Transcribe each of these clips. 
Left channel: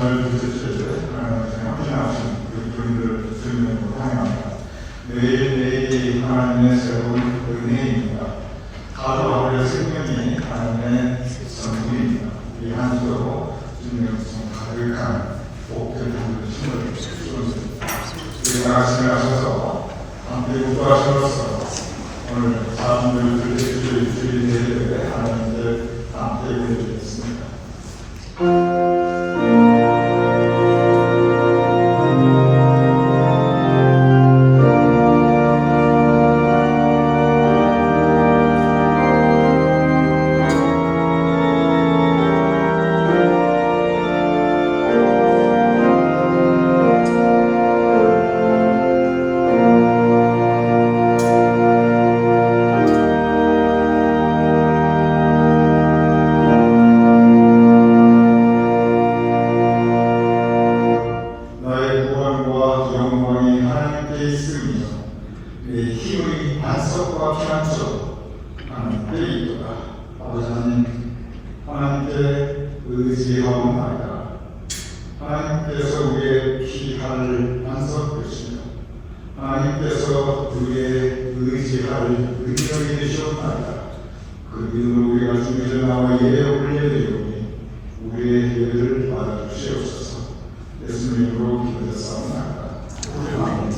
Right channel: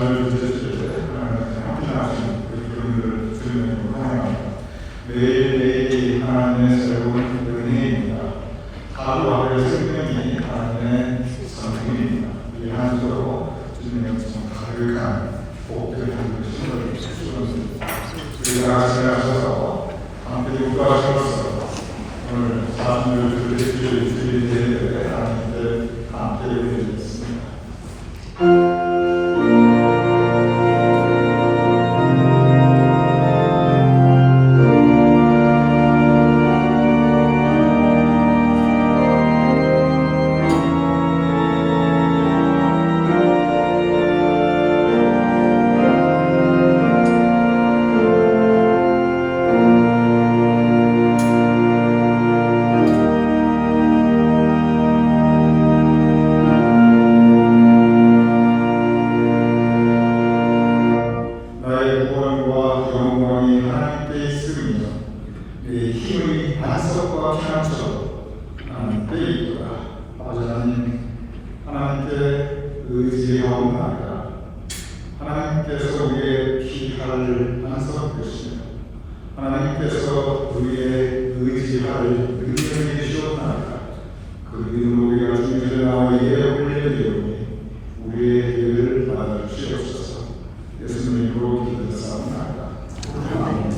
말씀을 드렸을 때 헌신하신 그분들 주님을 환영합니다. 매일매일이 하나님의 새로운 은혜입니다. 하루하루의 생명이 하나님의 성품입니다. 이 한 주로 주님의 가득한 복들을 주셨습니다. 우리가 말씀하셔서 함께 인도하셔서 오늘 사람들을 드리는 예배에 하나님께 함께 드리겠습니다. 하나님께서 우리의 피할 안석 되시며 하나님께서 우리의 의지할 능력이 되셨나이다. 그 믿음으로 우리가 주님을 나와 예에 올려드리오니 우리의 예배를 받아주시옵소서. 예수님으로 기도드렸사옵나이다. 아멘.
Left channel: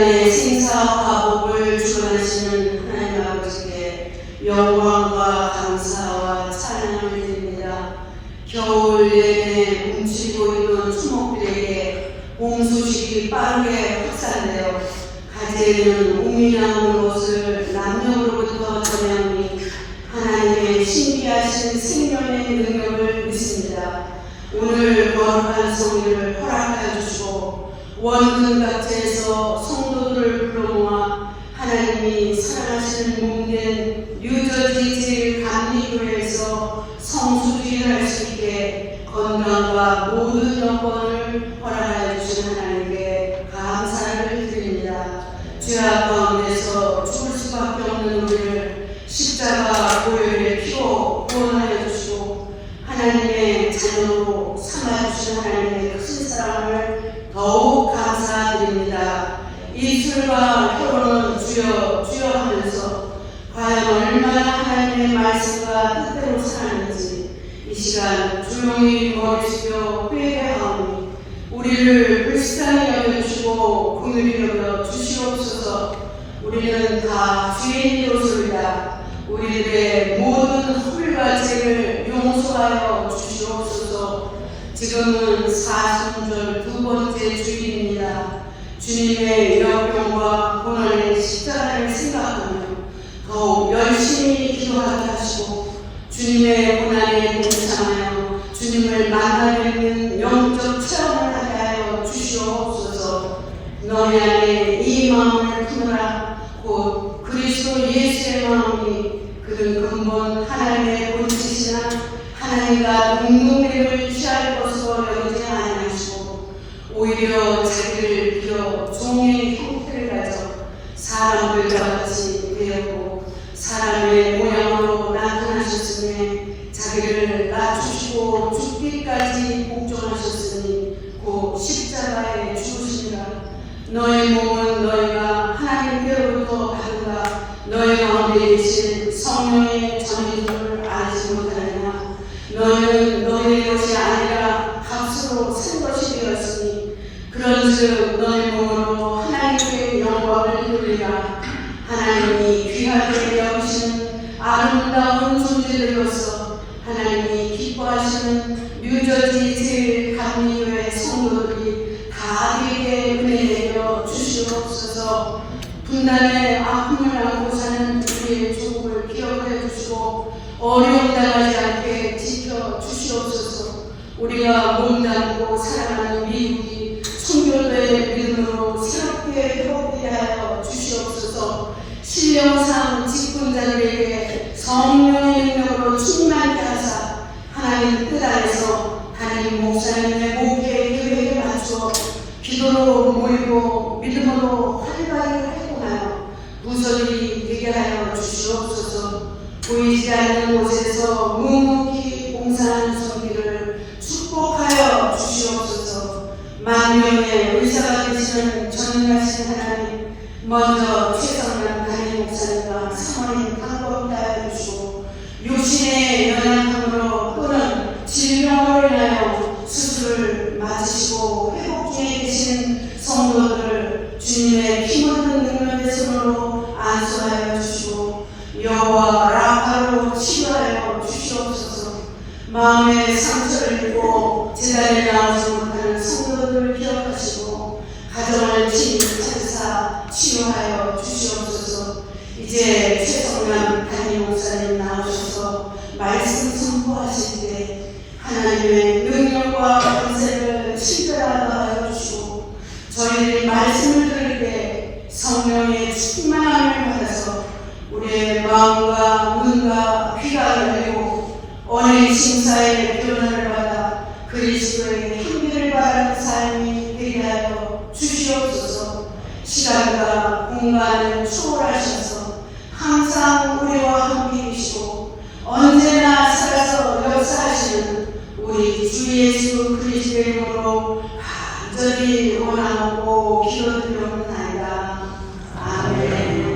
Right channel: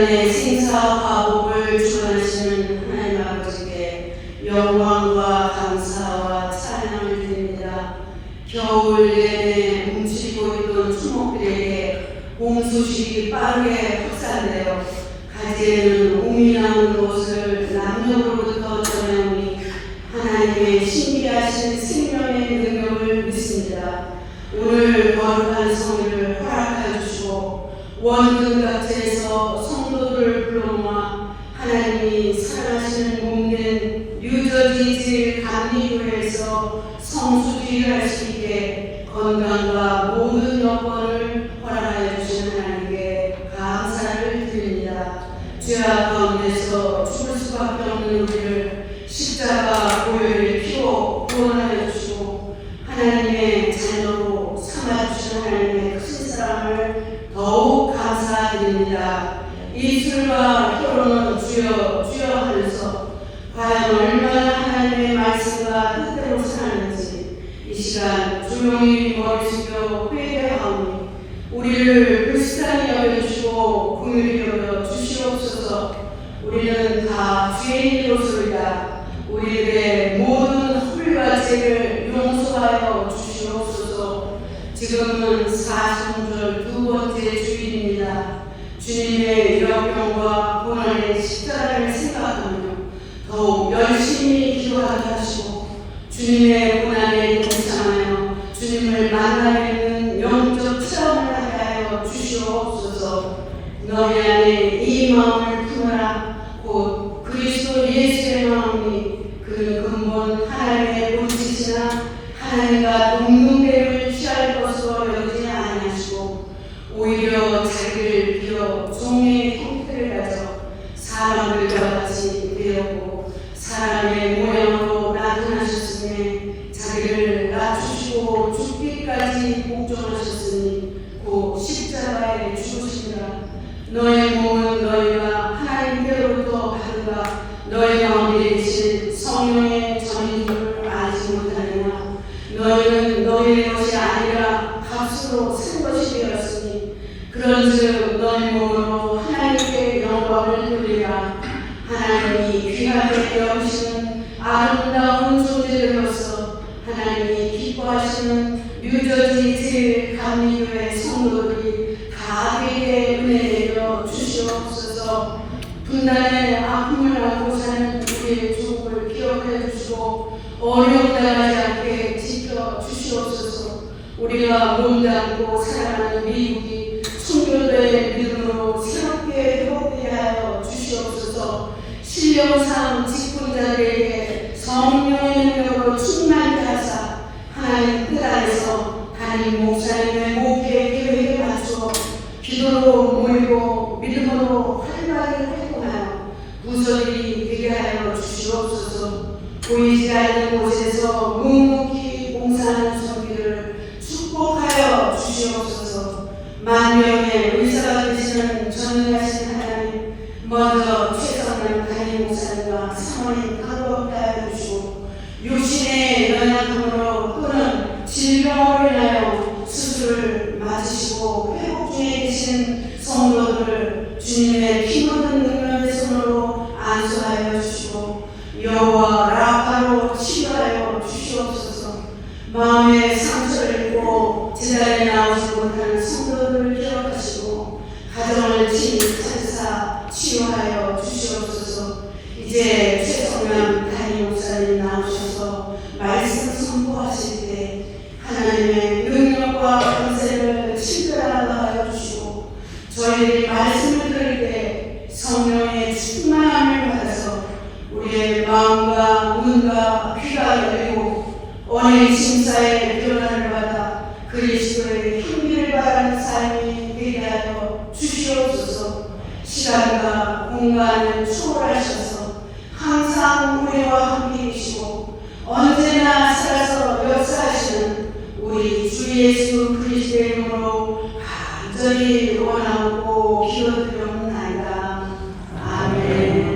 인간의 생사와 화복을 주관하시는 하나님 아버지께 영광과 감사와 찬양을 드립니다. 겨울 내내 뭉치고 있던 초목들에게 봄 소식이 빠르게 확산되어 가지에는 봄이 나오는 것을 남녀로부터 전해오니 하나님의 신비하신 생명의 능력을 믿습니다. 오늘 거룩한 성회를 허락하여 주시고 원근 각지에서 성도들을 불러모아 하나님이 사랑하시는 몸된 뉴저지 제일 감리교회에서 성수기를 할 수 있게 건강과 모든 여건을 허락하여 주신 하나님께 감사를 드립니다. 죄악 가운데서 죽을 수밖에 없는 우리를 십자가 보혈의 피로 구원하여 주시고 하나님의 자녀로 삼아주신 하나님의 큰 사랑을 더욱 감사드립니다. 입술과 혀로는 주여 주여 하면서 과연 얼마나 하나님의 말씀과 뜻대로 사는지 이 시간 조용히 머리 숙여 회개하오니 우리를 불쌍히 여겨주시고 긍휼히 여겨 주시옵소서. 우리는 다 죄인이로소이다. 우리들의 모든 훌과 죄를 용서하여 주시옵소서. 지금은 사순절 두 번째 주일입니다. 주님의 역경과 고난의 십자가를 생각하며 더욱 열심히 기도하게 하시고 주님의 고난에 동참하여 주님을 만나뵙는 영적 체험을 하게 하여 주시옵소서. 너희 안에 이 마음을 품으라. 곧 그리스도 예수의 마음이 그는 근본 하나님의 본체시나 하나님과 동등됨을 취할 것으로 여기지 아니하시고 오히려 자기를 비워 종의 형태를 가져 사람들과 같이 되었고 사람의 모양으로 나타나셨으니 자기를 낮추시고 죽기까지 복종하셨으니 곧 십자가에 죽으시니라. 너의 몸은 너희가 하나님께로부터 받은가 너희 가운데 계신 성령의 전인 줄 알지 못하느냐. 너희는 너희의 것이 아니라 값으로 산 것이 되었으니 그런즉 너희 몸으로 하나님께 영광을 돌리라. 하나님이 귀하게 여기시는 아름다운 존재들로서 하나님이 기뻐하시는 뉴저지 제일 감리교회 성도들이 다 되게 은혜 내려 주시옵소서. 분단의 아픔을 안고 사는 우리의 조국을 기억해 주시고 어려움 당하지 않게 지켜 주시옵소서. 우리가 몸담고 사랑하는 미국이 순교도의 믿음으로 새롭게 회복되게 하여 주시옵소서. 신령상 직분자들에게 성령의 능력으로 충만케 하사 하나님 뜻 안에서 담임 목사님의 목회 계획에 맞추어 기도로 모이고 믿음으로 활발하게 활동하여 부서들이 되게 하여 주시옵소서. 보이지 않는 곳에서 묵묵히 봉사하는 성기를 축복하여 주시옵소서. 만명의 의사가 되시는 전능하신 하나님, 먼저 최성남 담임 목사님과 사모님 강건케 하여 주시고 육신의 연약함으로 또는 질병으로 인하여 수술을 맞으시고 회복 중에 계신 성도들을 주님의 피 묻은 능력의 손으로 안수하여 주시고 여호와 라파로 치료하여 주시옵소서. 마음의 상처를 입고 제자리에 나오지 못하는 성도들을 기억하시고 가정을 친히 찾으사 치유하여 주시옵소서. 이제 최성남 담임 목사님 나오셔서 말씀 선포하실 때 하나님의 능력과 권세를 친근하게 하여 주시고 저희들이 말씀을 들을 때 성령의 충만함을 받아서 우리의 마음과 눈과 귀가 열리고 언의 심사의 변화를 받아 그리스도의 향기를 바라는 삶이 되게 하여 주시옵소서. 시간과 공간을 초월하셔서 항상 우리와 함께 계시고 언제나 살아서 역사하시는 우리 주 예수 그리스도의 이름으로 간절히 원하고 기도드리옵나이다. 아멘.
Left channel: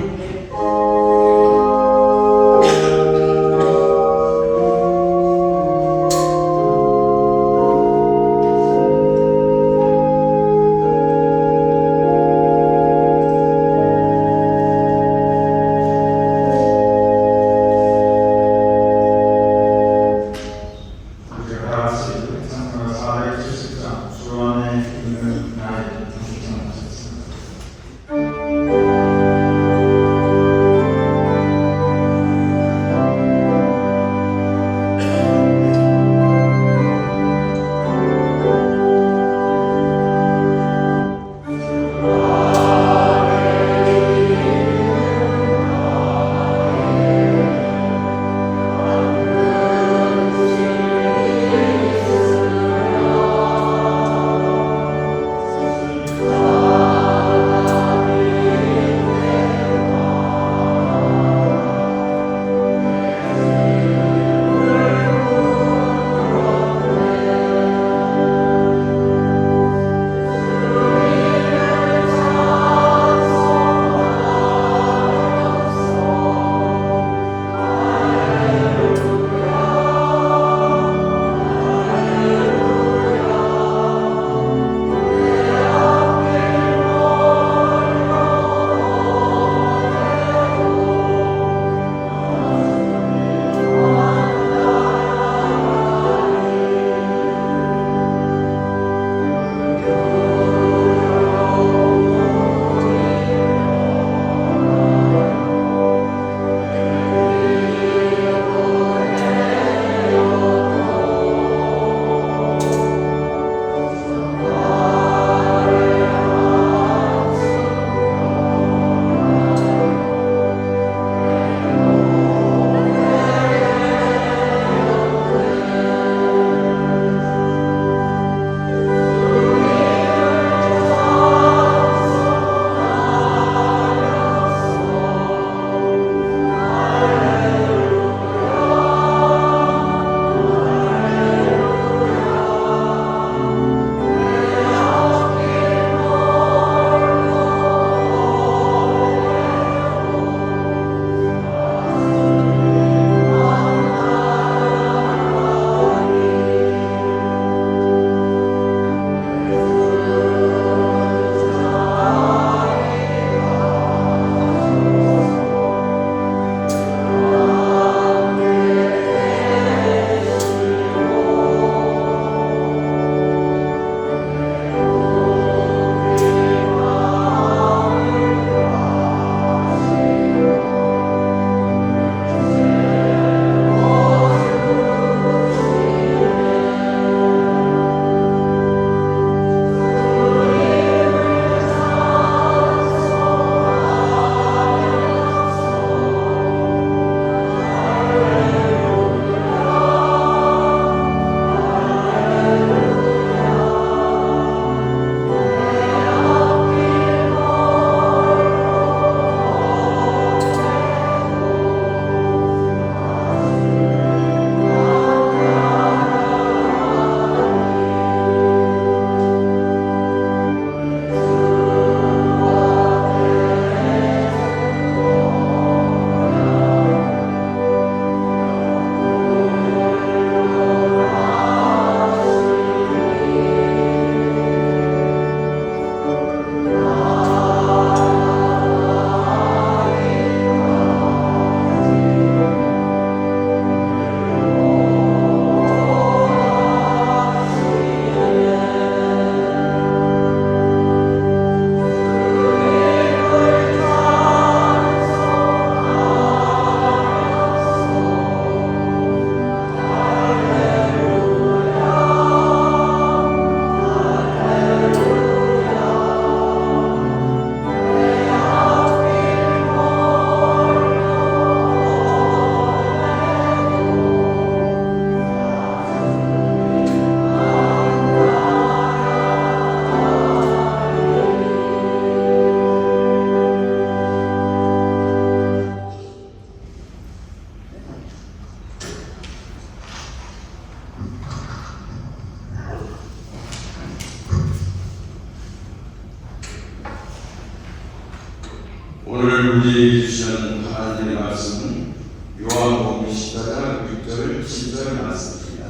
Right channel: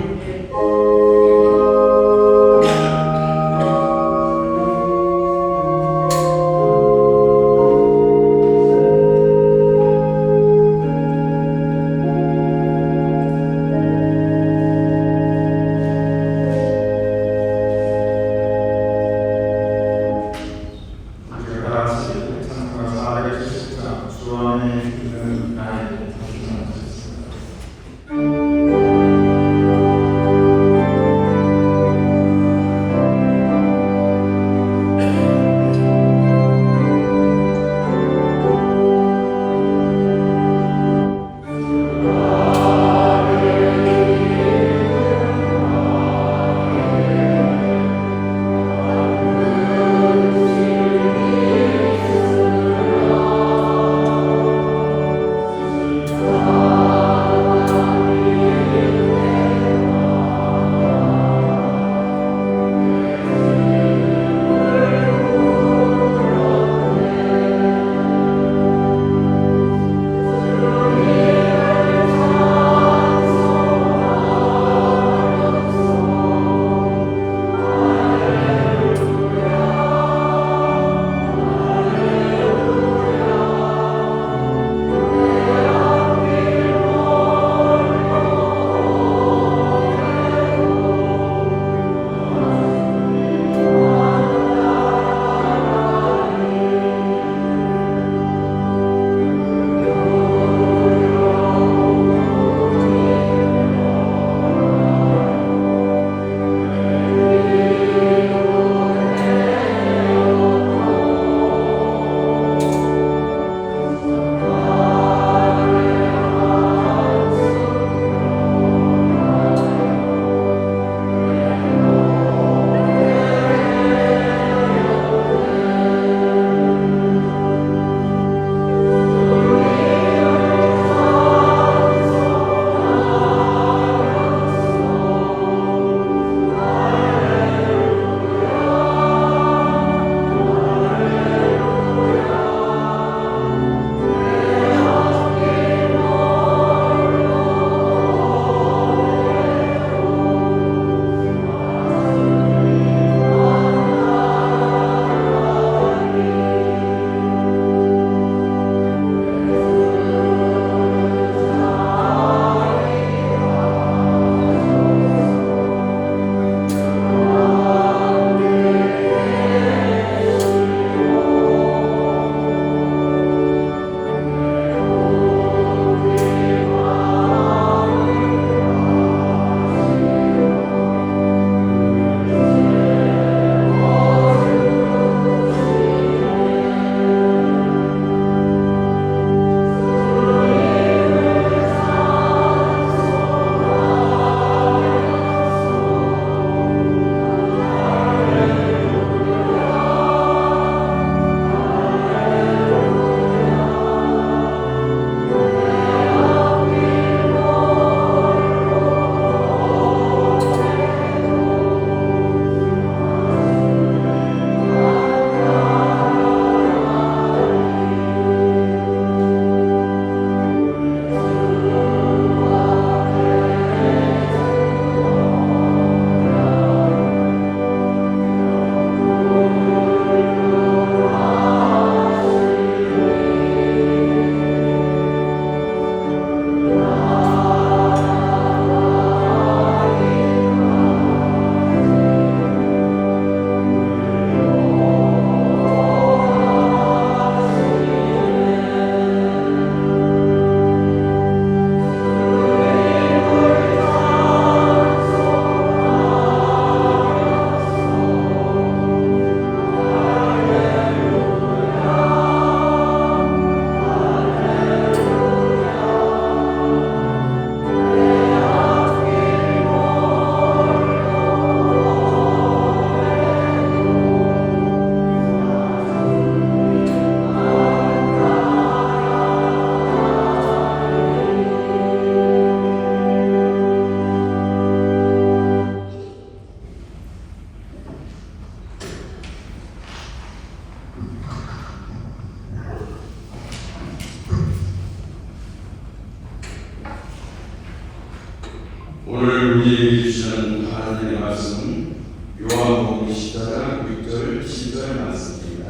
오늘 우리에게 주시는 하나님의 말씀은 요한복음 14장 6절 7절 말씀입니다.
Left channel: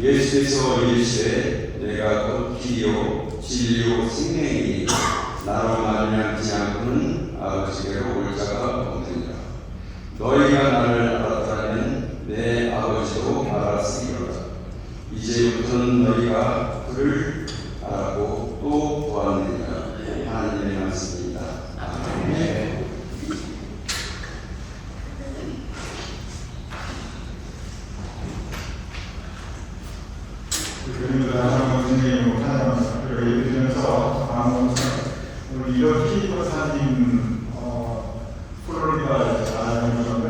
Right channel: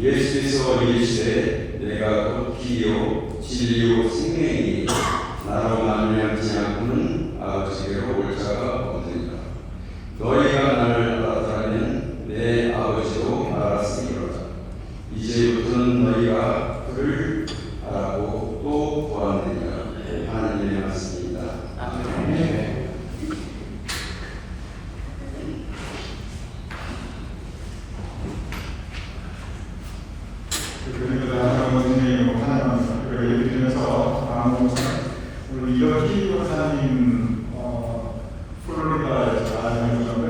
예수께서 이르시되 내가 곧 길이요 진리요 생명이니 나로 말미암지 않고는 아버지께로 올 자가 없느니라. 너희가 나를 알았다면 내 아버지도 알았으리로다. 이제부터는 너희가 그를 알았고 또 보았느니라. 하나님의 말씀입니다. 아멘. 그리고 나중에 선생님 하나님 그리고 얘기하면서 오늘 이렇게 박사님 플로리다 다녀오셨는데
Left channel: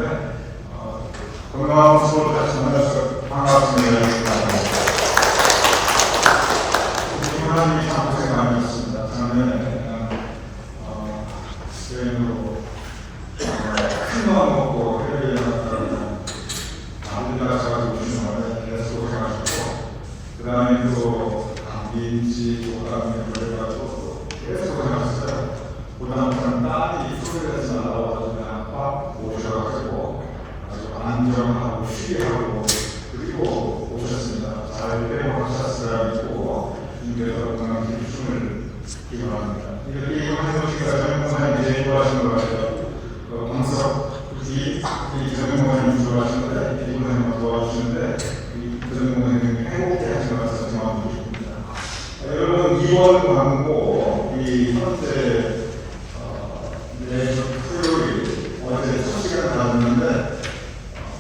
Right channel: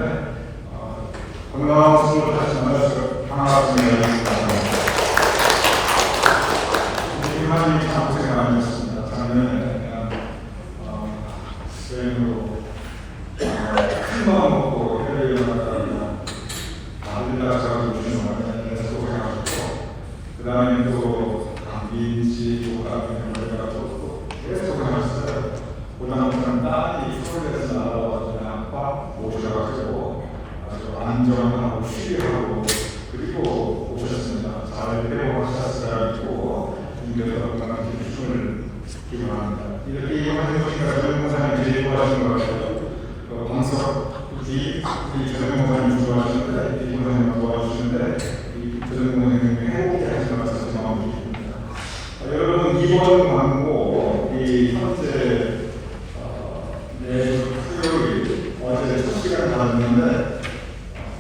건강한 모습으로 다시 만나서 반갑습니다. 하나님이 참 고생 많이 하셨습니다. 작년에 여행으로 큰 마음 먹고 해외에 나갔다가 아들날 가가지고 오신 동안에 계속 고생하셨고 그 다음에 또 감기인지 또 그다음에 물려가지고 계속 고생하셨어요. 그다음부터는 딸이 프로그램에서 나와서 그냥 빡 모셔가지고 아주 안정하고 쉬게 하고 그리고 오셨습니다. 잘 회복하셨으리라 믿고 주님께서 건강한 힘을 기원합니다. 이렇게 이번에 보니까 전문가님 제일 좋아하시는 것 같아요. 광석 굳이 전문가님 좋아하시는데 이번에 도와주시는데 전문가님 행복해 하시는 것 같아서 마음이 기쁩니다. 여러분 이번 광고 이 현재 내일 토요일 어제 첫 시간 나눴는데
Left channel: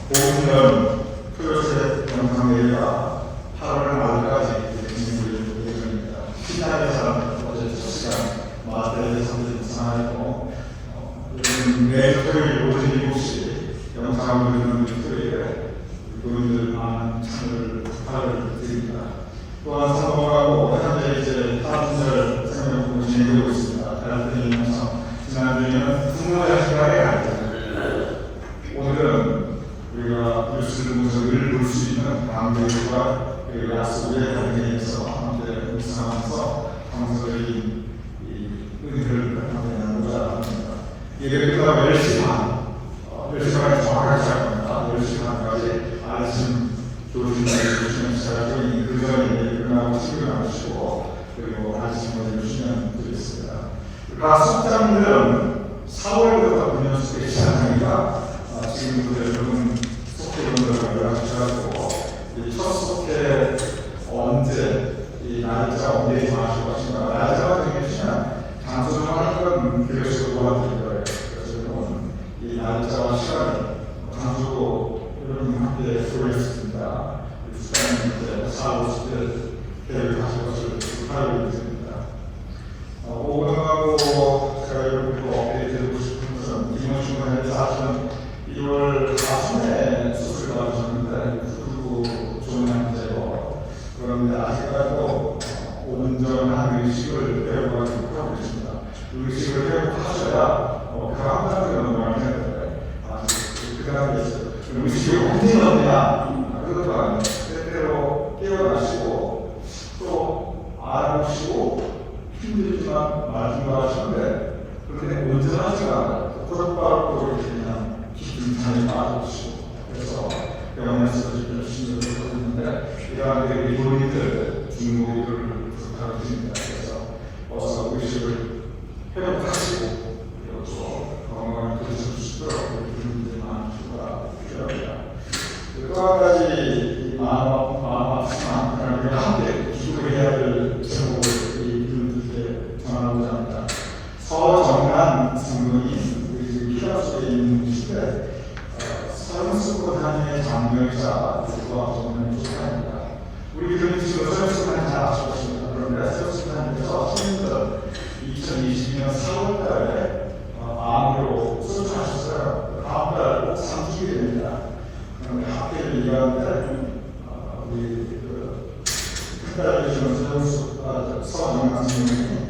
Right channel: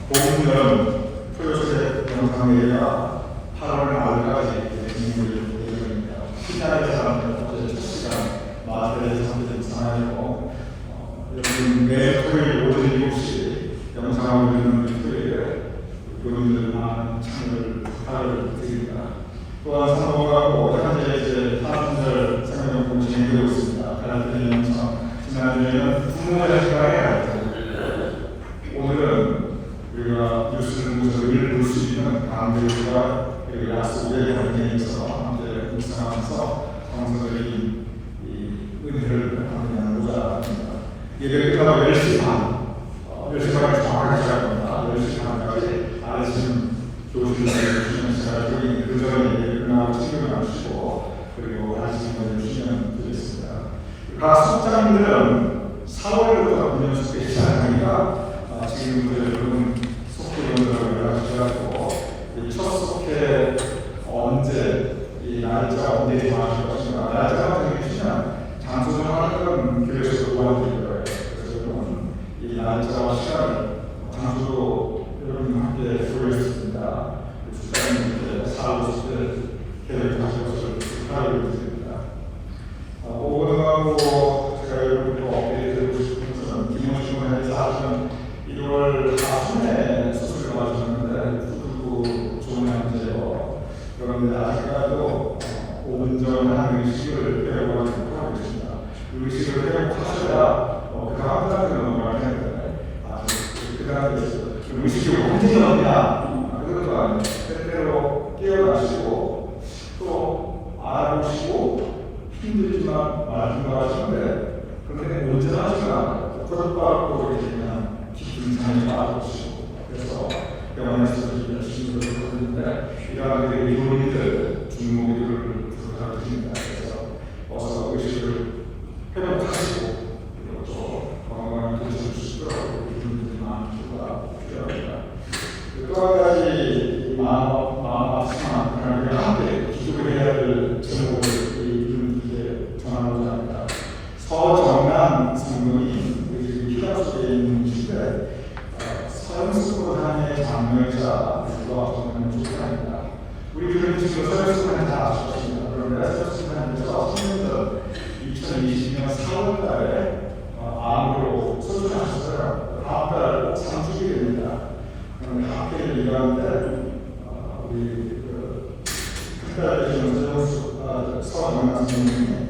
보면 토요일 영상 내가 8월 말까지 진행될 예정입니다. 신나게서 어제 첫 시간 마트에서 상하였고 여러분 매일 토요일 오전 7시 영상을 올리는 토요일에 교인들 많은 참여를 부탁드립니다. 또한 성공하고 현재 이제 파순절 생명연구원 진행되고 있습니다. 다른 영상 지난주에는 분노의 시간에 갔죠. 오늘은 우리가 뉴스를 보면서 늘 볼 수 있는 강대과 약속의 관계에서 함께 묵상하면서 성서적인 은혜를 함께 나누고자 합니다. 예배 끝나고 10시 반, 10시 반에 정확하게 시작합니다. 10시 반까지 아침 교수님이 주시는 시간이 그 전에 예배 끝나고 친구 나누시고 그리고 아침까지 주시면 되겠습니다. 각 숙장들은 4월부터 군년 숙제 시작하니까 지금부터 여러분 속회 연락을 연락하시고 첫 속회 언제 이 날짜 언제 정하실 것인가 날짜가 정해지면 장소 정하는 교회에서 도와드릴 거예요. 그래서 여러분 이 날짜와 시간을 장소로 여러분 함께 보여주셨습니다. 숙장님 4, 50대 계획하실 것을 축하드립니다. 오늘하고 제가 여러분과 업데이트해드리고 싶은 것은 김원중 간사는 1월 4일에 수술을 받으셨는데 후두부 종양제로 그런데 아직까지도 5년 전 한 의식을 배워가고 하고 계십니다. 의식을 배워하셔야 그 다음 단계로 넘어가야 되는데 그 단계에서 의식이 언제 나오냐 그것도 아니에요. 때때로 깨어나시고 또 알아보시고 힘들지만 말씀하시는데 그런데 언제나 하지만 고독바로 이렇게 그냥 깊은 잠에 빠져주시고 그래서 병원에서 열심히 노력하는데 이러한 의료인들 중국인을 부탁드립니다. 그래서 어서 의식을 회복하시고 또 건강을 되찾으시도록 의료인들이 많은 수가 필요합니다. 또 한 가지 마음 아프지만 함께 기도를 해야 될 제목을 전하고자 합니다. 서정란 성분이 우리 히라 속에 있는 시대 서영숙보다의 장명자 누구와 정말 조사합니다. 우리 교회는 지금 서영숙하는 잘 아셨습니다. 그런데 서영숙하면서 2020년 4월달에 암으로 수술하셨어요. 다음 달 30일이 됩니다. 그런데 학회를 이해하는데 우리 특별히 서영숙 서정란 선생님이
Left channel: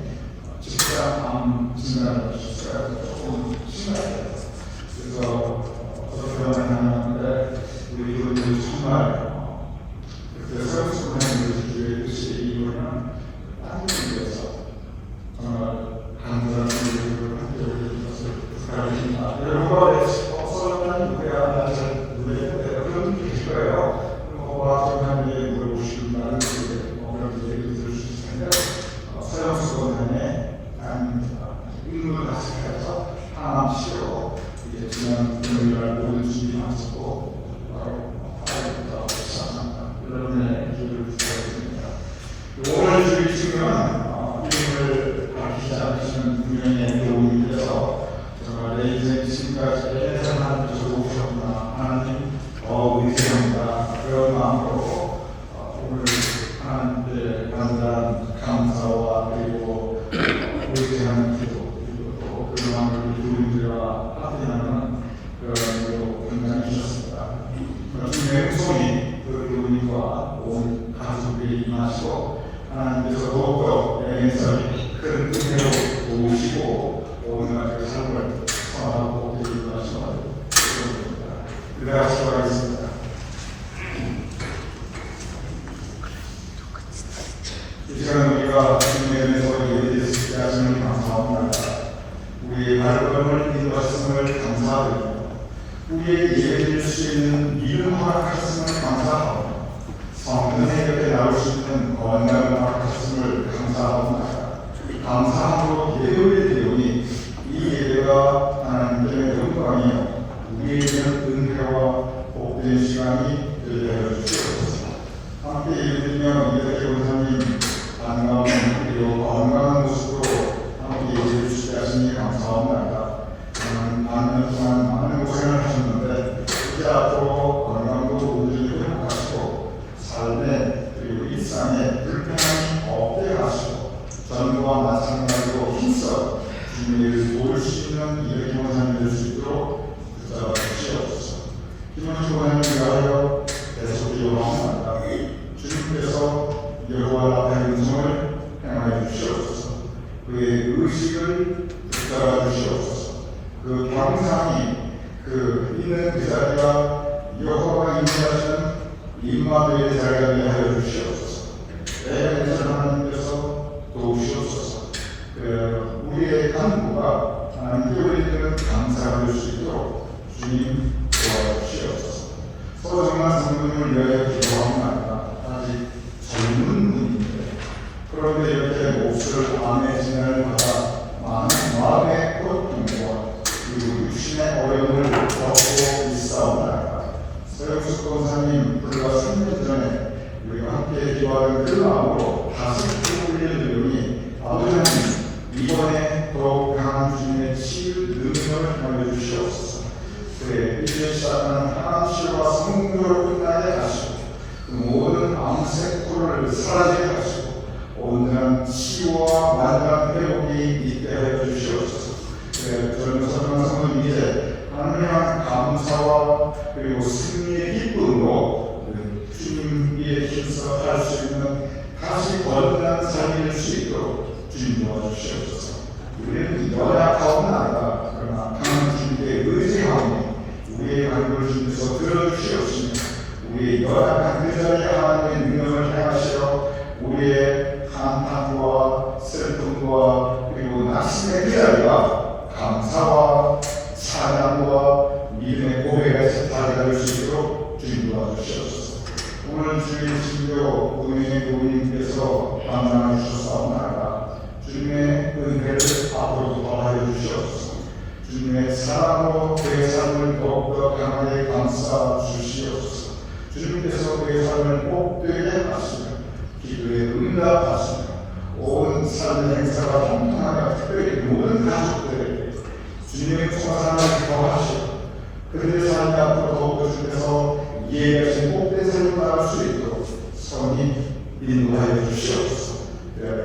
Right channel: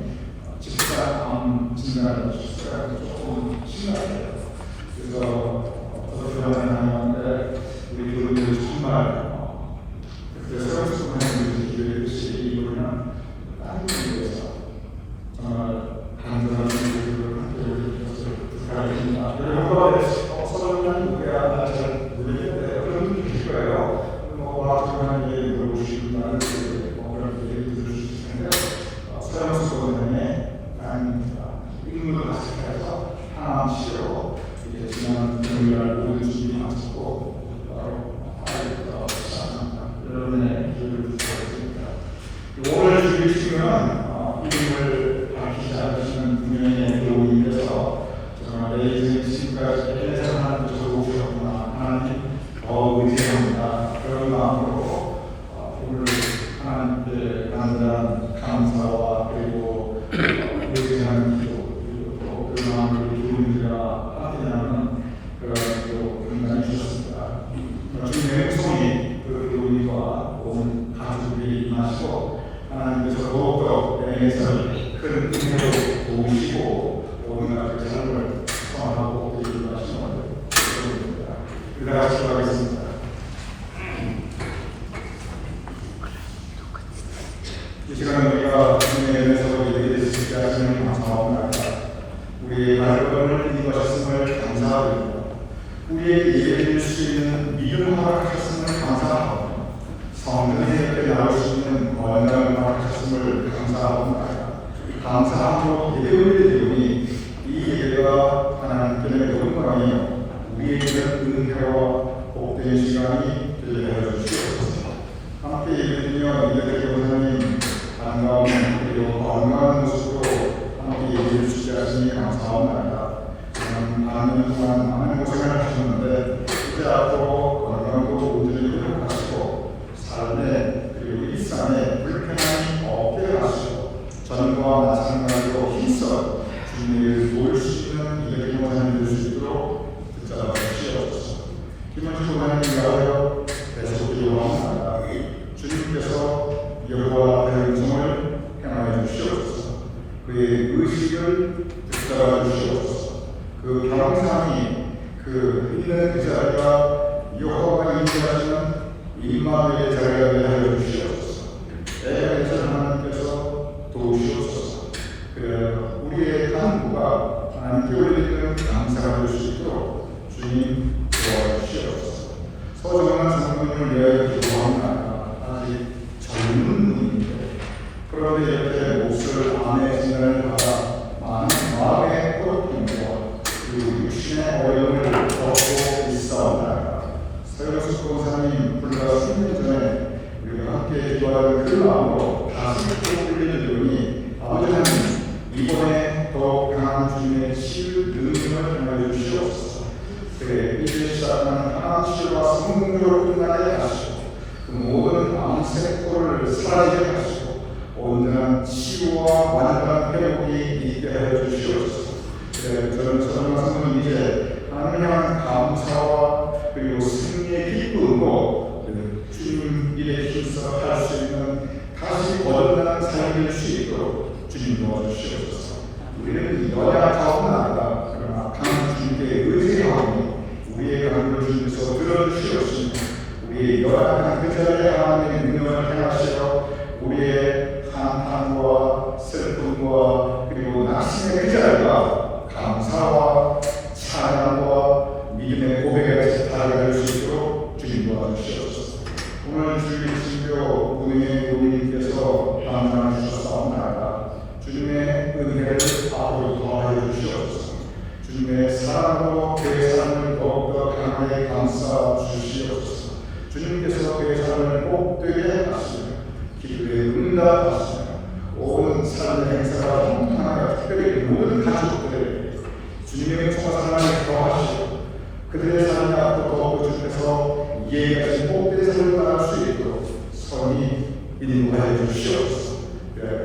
직장 진단을 하셨어요. 조금 심하게. 그래서 어떻게 하냐면 우리 교수님들 정말 그때 서울수학하는 기회듯이 이분은 다른 분에서 정말 간절한 기회를 함께 오늘 그 삶을 선하고 이루어 가시는 것입니다. 우리 다 같이 기도하겠습니다. 이 시간 우리가 주님의 은혜로 예배될 수 있게 하시는 감사합니다. 우리의 발걸음을 인도하셨음을 감사드립니다. 우리에게 예배될 수 있는 믿음 허락하셨음을 감사합니다. 성전에 이렇게 나올 수 있는 건강을 허락하셨음을 감사합니다. 감사함으로 예배의 내용이 이 예배가 하나님께 영광이요 우리에게는 은혜와 복된 시간이 되게 하여 주시옵소서. 함께 예배드리며 이렇게 원사님 반가운 그리고 건강한 모습으로 함께 예배해 주시게 하시니 감사합니다. 많은 동안 많은 고생을 하셨는데 이제 앞으로 건강도 온전히 회복하시고 삶에 그리고 일상에 불편함이 없게 하시고 전과 마찬가지로 힘써 주님을 도울 수 있는 이렇게 원사님 될 수 있도록 붙잡아 주시옵소서. 김원수 원사님 위하여 계속 기도합니다. 주님께서 여호와 앞에 음성을 행하여 주시옵소서. 그의 의식을 붙잡아 주시옵소서. 그 경상이 그 있는 그 자리가 여호와가 인도하시는 임마누엘의 자리가 되게 하여 주시옵소서. 애가 하나님께서 도우시옵소서. 그래 우리의 간구가 하나님께 올리는 감사가 될 수 있도록 주님 도와주시옵소서. 소중한 성도님을 위하여 기도합니다. 아직 젊은 분인데 그런데 이렇게 몫을 안에 진단을 받아 많은 마음의 고통과 그리고 육신의 어려움을 겪고 있사옵나이다. 서영숙 권사님 불과 3년 전에 우리가 함께 기도하는 그 마음으로 다시 끌어올리는 내용이 아버지 하나님 이번에 더욱 강한 주님의 치유 능력을 하여 주시옵소서. 그래 이제 시작하는 강한 치유와 성공적으로 끝나게 하시고 그 모든 암세포를 사라지게 하시고 온전한 치유와 완전한 회복이 있게 하여 주시옵소서. 저는 성도님 이제 하나님 향한 감사와 그리고 승리의 기쁨으로 주님의 힘써 할 수 있는 다시 거듭난 삶이 될 수 있도록 주님 도와주시옵소서. 우리는 연약하옵나이다. 그러나 강한 주님께 의지하오니 우리의 간구를 주님께서 들어주시옵시며 우리의 연약한 그 자리에 하나님의 능력을 행하시어 우리의 한탄과 슬픔과 그리고 낙심의 그 자리가 감사와 찬양과 믿음의 고백에서 달려갈 수 있도록 주님 도와주시옵소서. 오늘 주님의 진료 은혜의 고객님께서 만나러 주셨사옵나이다. 주님의 은혜를 앞으로 더하여 주시옵소서. 주님의 사랑으로 그의 삶을 더욱더 강하게 감싸 주시옵소서. 주님께서 그의 삶을 복되게 하시며 기도에 응답하시며 온 삶의 행사가 통통하게 특별히 모든 가족들에게 주님의 총사랑을 더하시고 그들의 삶이 앞으로 더욱더 주께서 예비하신 복된 삶을 따를 수 있도록 성이 인도하여 주시옵소서.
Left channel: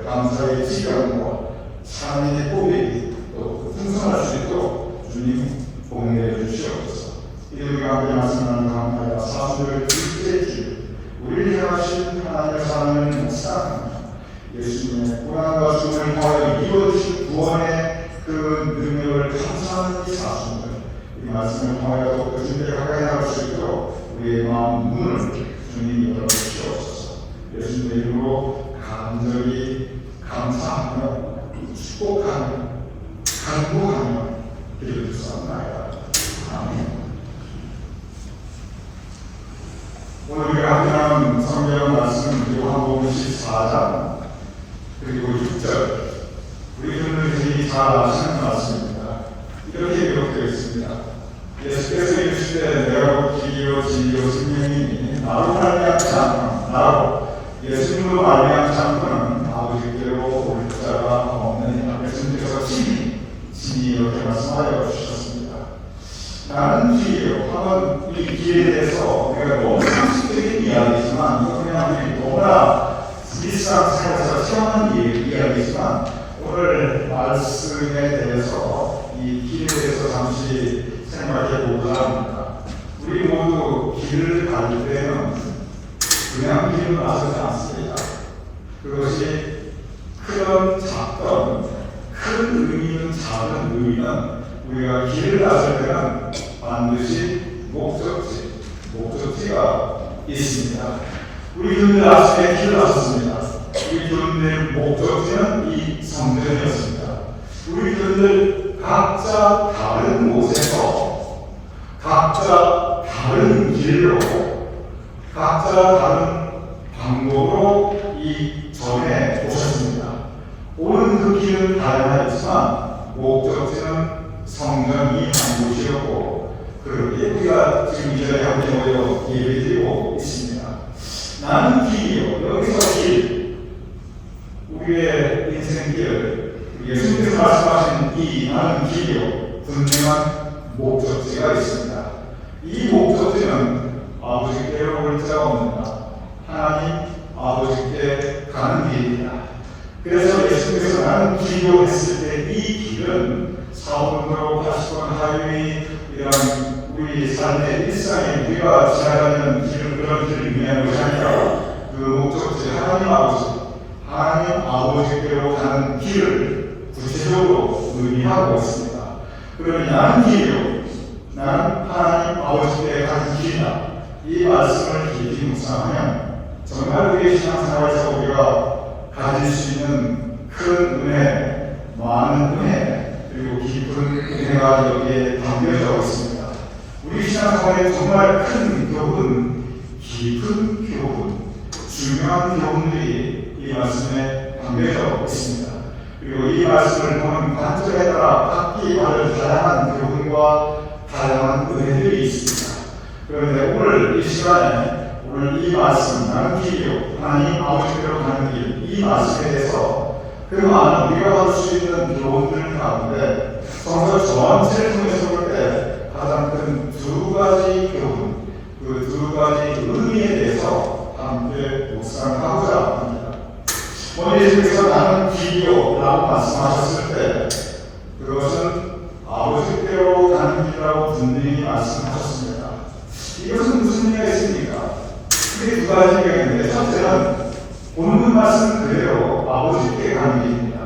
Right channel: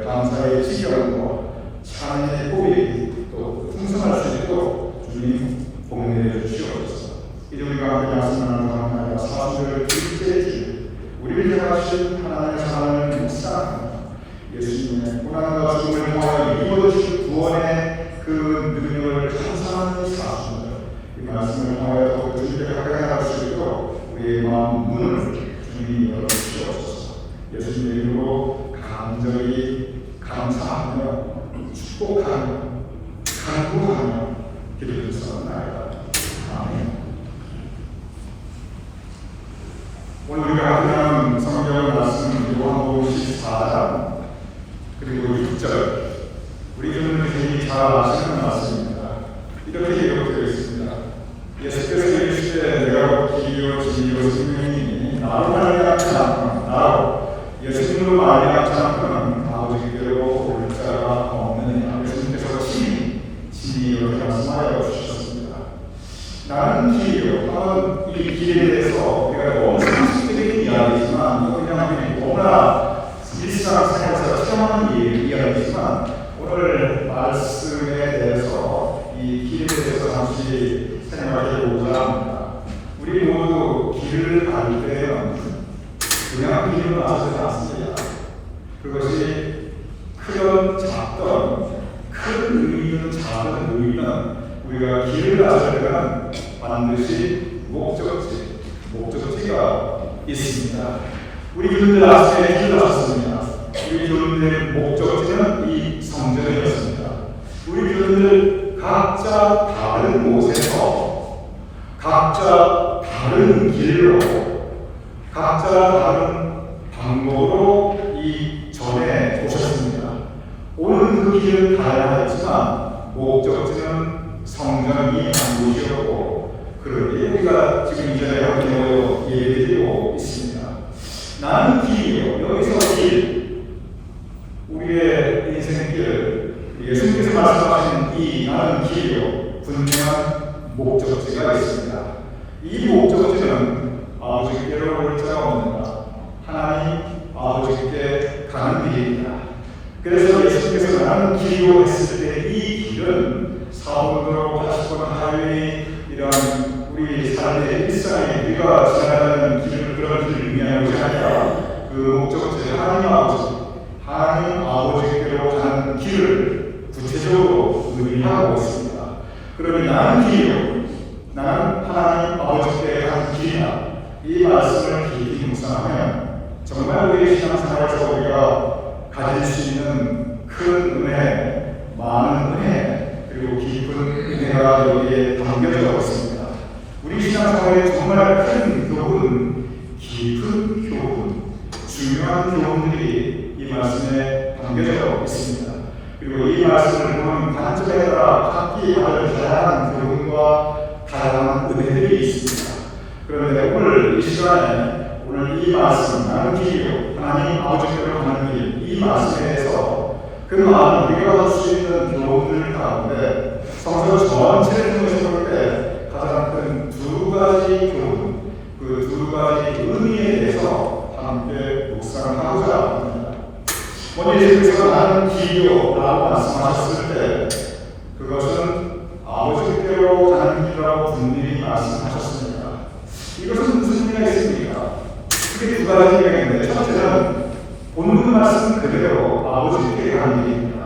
감사의 지경과 찬양의 고백이 또 풍성할 수 있도록 주님 복내해 주시옵소서. 이들과 함께 말씀하는 감사와 사수를 깊게 주 우리를 향하신 하나님의 사랑을 묵상하며 예수님의 고난과 죽음을 통하여 이루어진 구원의 그 능력을 감사하는 사수들 이 말씀을 통하여 더욱더 주님께 가까이 나갈 수 있도록 우리의 마음 문을 주님이 열어주시옵소서. 예수님의 이름으로 간절히 감사하며 축복하며 간구하며 기도드리옵나이다. 아멘. 오늘 우리가 함께 나눈 성경 말씀 요한복음 14장 그리고 6절 우리 분들이 잘 아시는 말씀입니다. 이렇게 기록되어 있습니다. 예수께서 이르시되 내가 길이요 진리요 생명이니 나로 말미암지 않거나 나로 예수님으로 말미암지 않거나 아버지께로 올 자가 없느니라. 예수님께서 진리 이렇게 말씀하여 주셨습니다. 나는 길이요 하면 이 길에 대해서 우리가 너무 상식적인 이야기지만 이거 그냥 너무나 일상생활에서 체험하는 이야기지만 오늘 말씀에 대해서 이 길에 대해서 잠시 생각해 보고자 합니다. 우리 모두 길을 갈 때는 그냥 길을 나서지 않습니다. 그것이 크든 작든 큰 의미 있는 작은 의미는 우리가 길을 나설 때는 반드시 목적지가 있습니다. 우리 교인들 아침에 길을 나섰습니다. 우리 교인들의 목적지는 이 성전이었습니다. 우리 교인들 각자 다른 곳에서 각자 다른 길로 각자 다른 방법으로 이 전에 오셨습니다. 오는 그 길은 다양하지만 목적지는 성전이 한 곳이었고 그렇게 우리가 지금 이 자리에 함께 모여 예배드리고 있습니다. 나는 길이요. 여기서 길, 우리의 인생길, 예수님께서 말씀하신 이 나는 길이요. 분명한 목적지가 있습니다. 이 목적지는 아버지께로 올 자가 없느냐. 하나님 아버지께 가는 길입니다. 그래서 예수님께서 나는 길이요 했을 때 이 길은 사원도로 80번 하이웨이 이런 우리 삶의 일상에 우리가 지나가는 길, 그런 길을 의미하는 것이 아니라 그 목적지 하나님 아버지께로 가는 길을 구체적으로 의미하고 있습니다. 그러면 나는 길이요, 나는 하나님 아버지께 가는 길이다. 이 말씀을 깊이 묵상하면 정말 우리의 신앙생활에서 우리가 가질 수 있는 큰 은혜, 많은 은혜, 그리고 깊은 은혜가 여기에 담겨져 있습니다. 우리 신앙생활에 정말 큰 교훈, 깊은 교훈, 중요한 교훈들이 이 말씀에 담겨져 있습니다. 그리고 이 말씀을 보는 관점에 따라 각기 다른 다양한 교훈과 다양한 은혜들이 있습니다. 그런데 오늘 이 시간에 오늘 이 말씀, 나는 길이요, 하나님 아버지께로 가는 길, 이 말씀에 대해서 그 많은 우리가 받을 수 있는 교훈들 가운데 성서 전체를 통해서 볼 때 가장 큰 두 가지 교훈, 그 두 가지 의미에 대해서 함께 묵상하고자 합니다. 오늘 예수께서 나는 길이요 라고 말씀하셨을 때 그것은 아버지께로 가는 길이라고 분명히 말씀하셨습니다. 이것은 무슨 의미가 있습니까? 크게 두 가지가 있는데, 첫째는 본문 말씀 그대로 아버지께 가는 길입니다.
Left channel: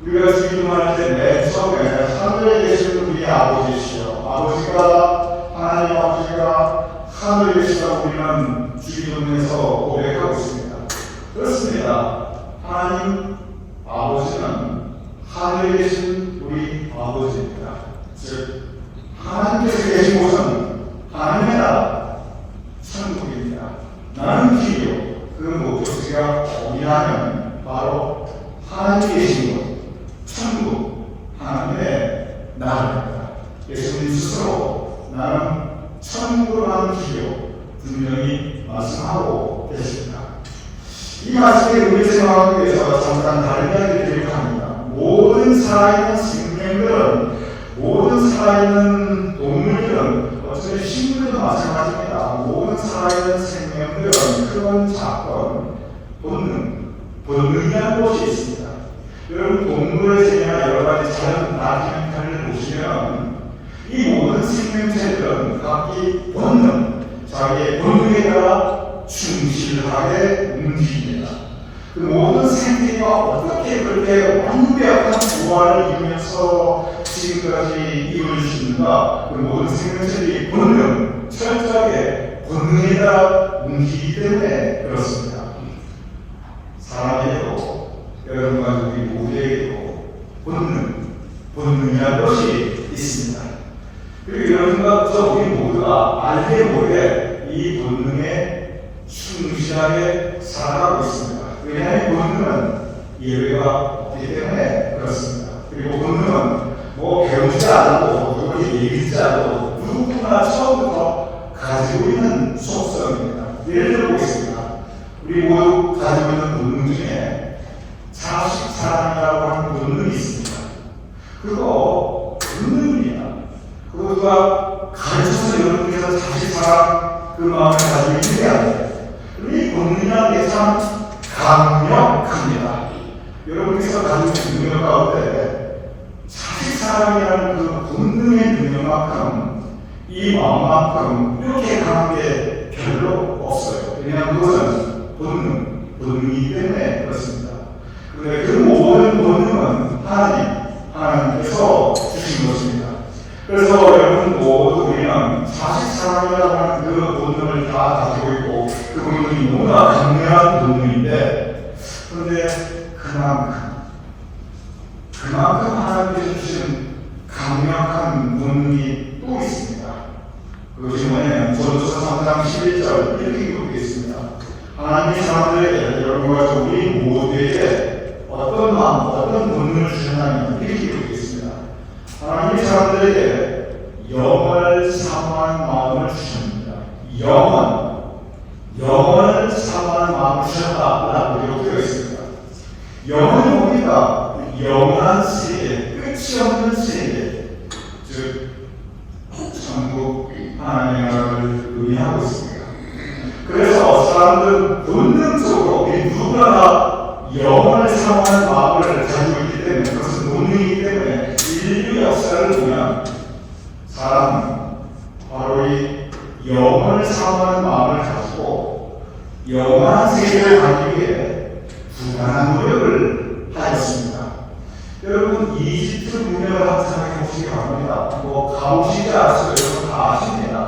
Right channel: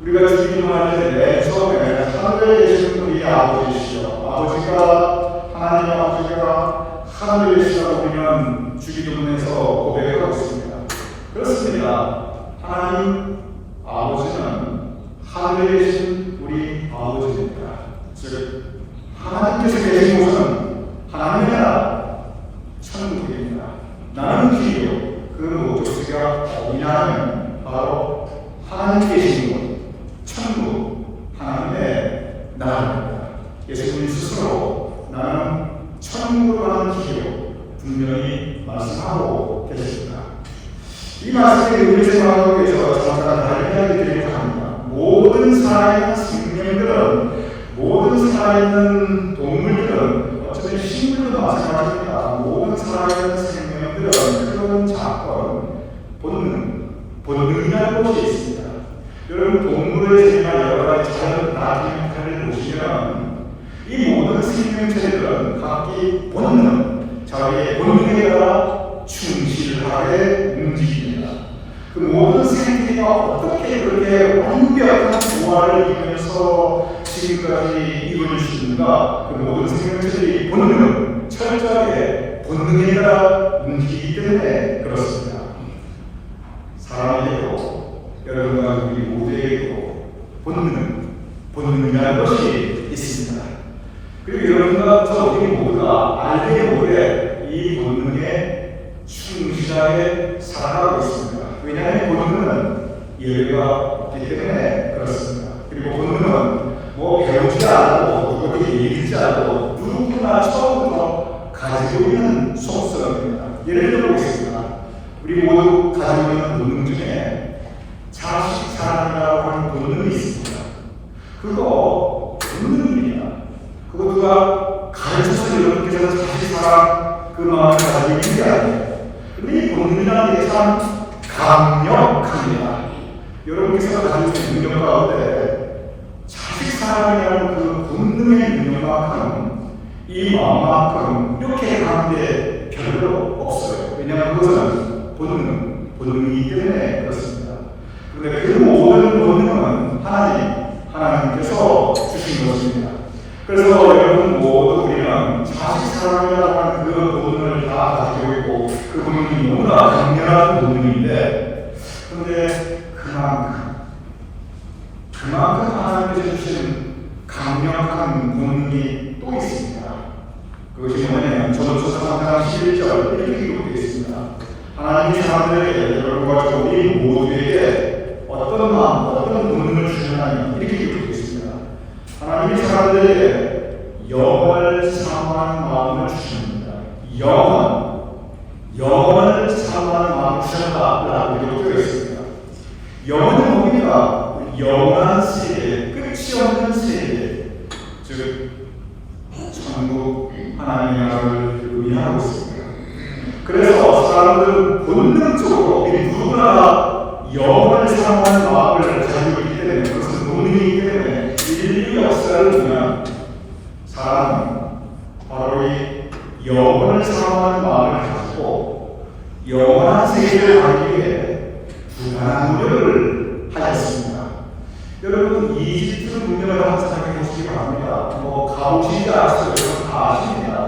우리가 주기도할 때 맨 처음에 하늘에 계신 분이 아버지시여, 하나님 아버지가 하늘에 계시다고 우리는 주기도문에서 고백하고 있습니다. 그렇습니다. 하나님 아버지는 하늘에 계신 우리 아버지입니다. 즉 하나님께서 계신 곳은 하나님의 나라, 천국입니다. 나는 길이요. 그 목적지가 어디냐면 바로 하나님 계신 곳, 천국, 하나님의 나라입니다. 예수님 스스로 나는 천국으로 가는 길이요 분명히 말씀하고 계십니다. 이 말씀에 우리 생각하기 위해서 잠깐 다른 이야기를 드리려고 합니다. 모든 살아있는 생명들은, 모든 살아있는 동물들은, 어차피 식물도 마찬가지입니다. 모든 살아있는 생명들은 그런 작건, 본능이라는 것이 있습니다. 여러분 동물의 세계나 여러 가지 자연 다큐멘터리를 보시면 이 모든 생명체들은 각기 자기의 본능에 따라 충실하게 움직입니다. 그 모든 생태가 어떻게 그렇게 완벽한 조화를 이루면서 지금까지 이루어질 수 있는가? 그 모든 생명체들이 철저하게 본능에 따라 움직이기 때문에 그렇습니다. 사람에게도 여러분과 우리 모두에게도 본능이라는 것이 있습니다. 그리고 여러분과 우리 모두가 알게 모르게 이 본능에 충실하게 살아가고 있습니다. 왜냐하면 본능은 예외가 없기 때문에 그렇습니다. 그리고 본능은 배우지 않아도 그렇게 얘기하지 않아도 누구나 처음부터 가지고 있는 속성입니다. 예를 들어보겠습니다. 우리 모두 가지고 있는 본능 중에 자식 사랑이라고 하는 본능이 있습니다. 그거 본능입니다. 그거 누가 가르쳐서 여러분께서 자식 사랑 그 마음을 가지고 있는 게 아니에요. 근데 이 본능이라는 게 참 강력합니다. 여러분께서 가지고 있는 능력 가운데 자식 사랑이라는 그 본능의 능력만큼 이 마음만큼 이렇게 강한 게 별로 없어요. 왜냐하면 그것은 본능이기 때문에 그렇습니다. 그런데 그 모든 본능은 하나님께서 주신 것입니다. 그래서 여러분 모두 우리는 44명이라고 하는 그 본능을 다 가지고 있고 그 본능이 너무나 강렬한 본능인데 그런데 그만큼 하나님께서 주신 강력한 본능이 또 있습니다. 그것이 뭐냐면 전도서 3장 11절 이렇게 기록되어 있습니다. 하나님이 사람들에게 여러분과 우리 모두에게 어떤 마음, 어떤 본능을 주셨나니 이렇게 기록되어 있습니다. 하나님이 사람들에게 영원을 사모하는 마음을 주셨습니다. 영원을 사모하는 마음을 주셨다라고 기록되어 있습니다. 영원은 뭡니까? 영원한 세계, 끝이 없는 세계, 즉 천국 하나님의 나라를 의미하고 있습니다. 그래서 사람들은 본능적으로 누구나 영원을 사모하는 마음을 가지고 있기 때문에 그것은 본능이기 때문에 인류 역사를 보면 사람은 바로 이 영원을 사모하는 마음을 가지고 영원한 세계를 가기 위해 부단한 노력을 하였습니다. 여러분 이집트 문명을 한번 생각해 보시기 바랍니다. 가보시지 않으셔도 다 아십니다.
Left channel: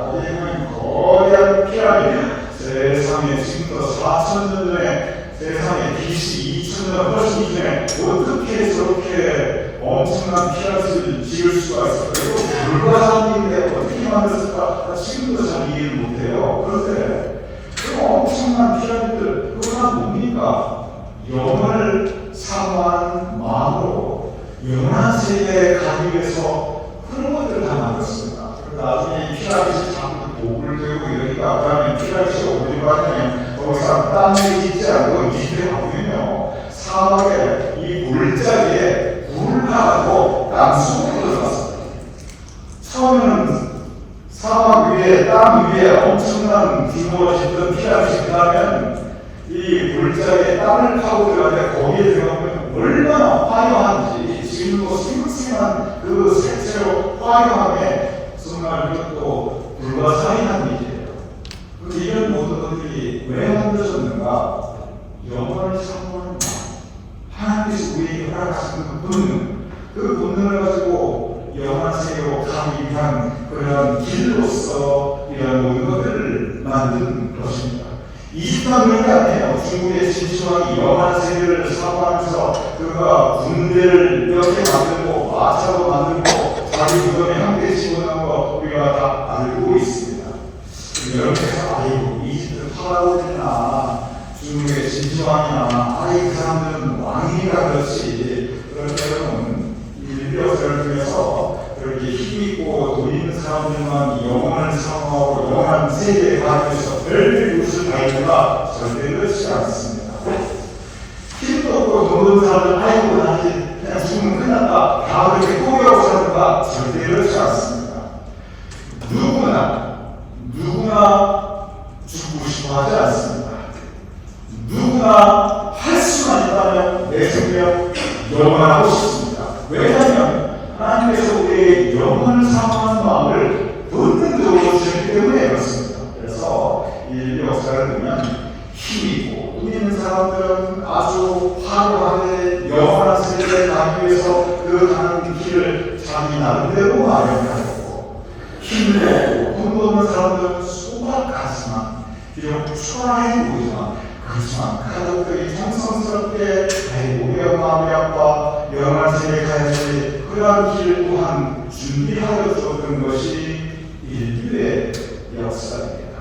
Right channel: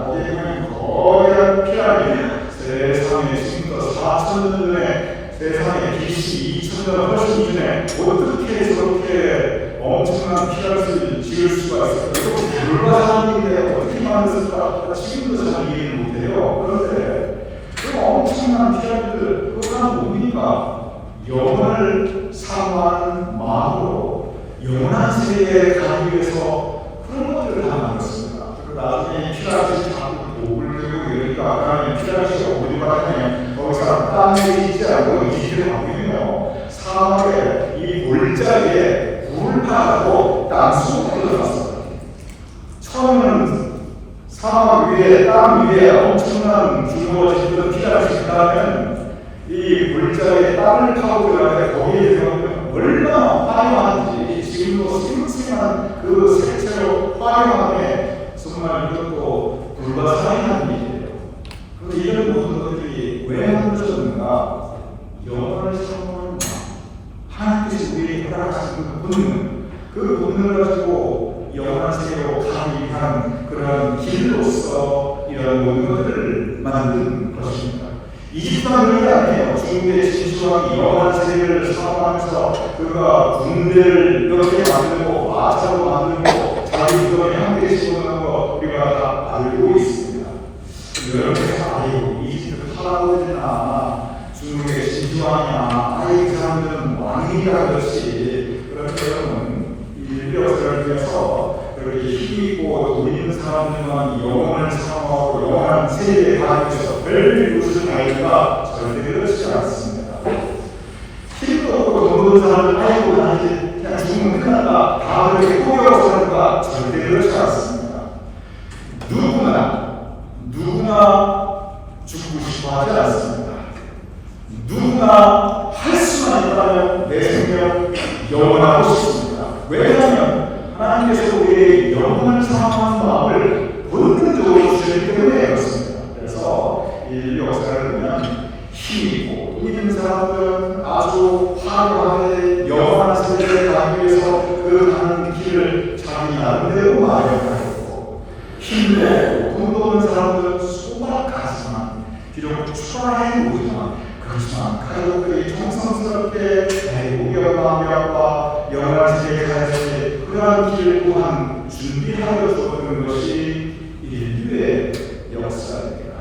거대한 피라미드 세상에 지금부터 4,000년 전에 세상에 BC 2,000년 훨씬 이전에 어떻게 저렇게 엄청난 피라미드를 지을 수가 있을까요? 불가사의인데 어떻게 만들었을까? 지금도 잘 이해를 못해요. 그런데 그 엄청난 피라미드 그거 뭡니까? 영혼을 사모하는 마음으로 영원한 세계에 가기 위해서 그런 것들을 다 만들었습니다. 나중에 피라미드 자꾸 목을 들고 이러니까 아까는 피라미드가 어디로 가냐면 거기서 땅에 있지 않고 이집트에 가보면요 사막에 이 물자리에 물을 파고 땅속으로 들어갔어요. 처음에는 사막 위에 땅 위에 엄청난 규모로 짓던 피라미드가 하면 이 물자리에 땅을 파고 들어가는데 거기에 들어가면 얼마나 화려한지 지금도 싱싱한 그 색채로 화려하게 정말 이것도 불가사의한 일이에요. 그런데 이런 모든 것들이 왜 만들어졌는가? 영원을 사모하는 마음, 하나님께서 우리에게 허락하신 그 본능을 가지고 영원한 세계로 가기 위한 그러한 길로서 이런 모든 것들을 만든 것입니다. 이집트만 그런 게 아니에요. 중국의 진시황이 영원한 세계를 사모하면서 그가 군대를 이렇게 만들고 마차도 만들고 자기 구덩이 함께 집어넣는 거 우리가 다 알고 있습니다. 여러분께서 아이고 이집트 파라오나 중국의 진시황이나 그 사람들은 왕이라 그렇지 그런데 여러분 인류 역사를 통해서 그렇게 힘있고 돈 있는 사람들만 영원을 사모하고 영원한 세계에 가기 위해서 별별 것을 가기가 절대 그렇지 않습니다. 힘도 없고 돈 없는 사람들 아이고 나한테 그냥 죽으면 끝났다 다 그렇게 포기하고 사는가 절대 그렇지 않습니다. 누구나 죽고 싶어 하지 않습니다. 누구나 할 수만 있다면 내 생명 영원하고 싶습니다. 왜냐하면 하나님께서 우리의 영원을 사모하는 마음을 본능적으로 주시기 때문에 그렇습니다. 그래서 인류 역사를 보면 힘있고 돈 있는 사람들은 아주 화려하게 영원한 세계에 가기 위해서 그 가는 길을 자기 나름대로 마련하고 힘내고 돈 없는 사람들은 소박하지만 비록 초라해 보이지만 그렇지만 가족들이 정성스럽게 우리 마음이 아파 영원한 세계에 가야지 그러한 길 또한 준비하여 주었던 것이 인류의 역사입니다.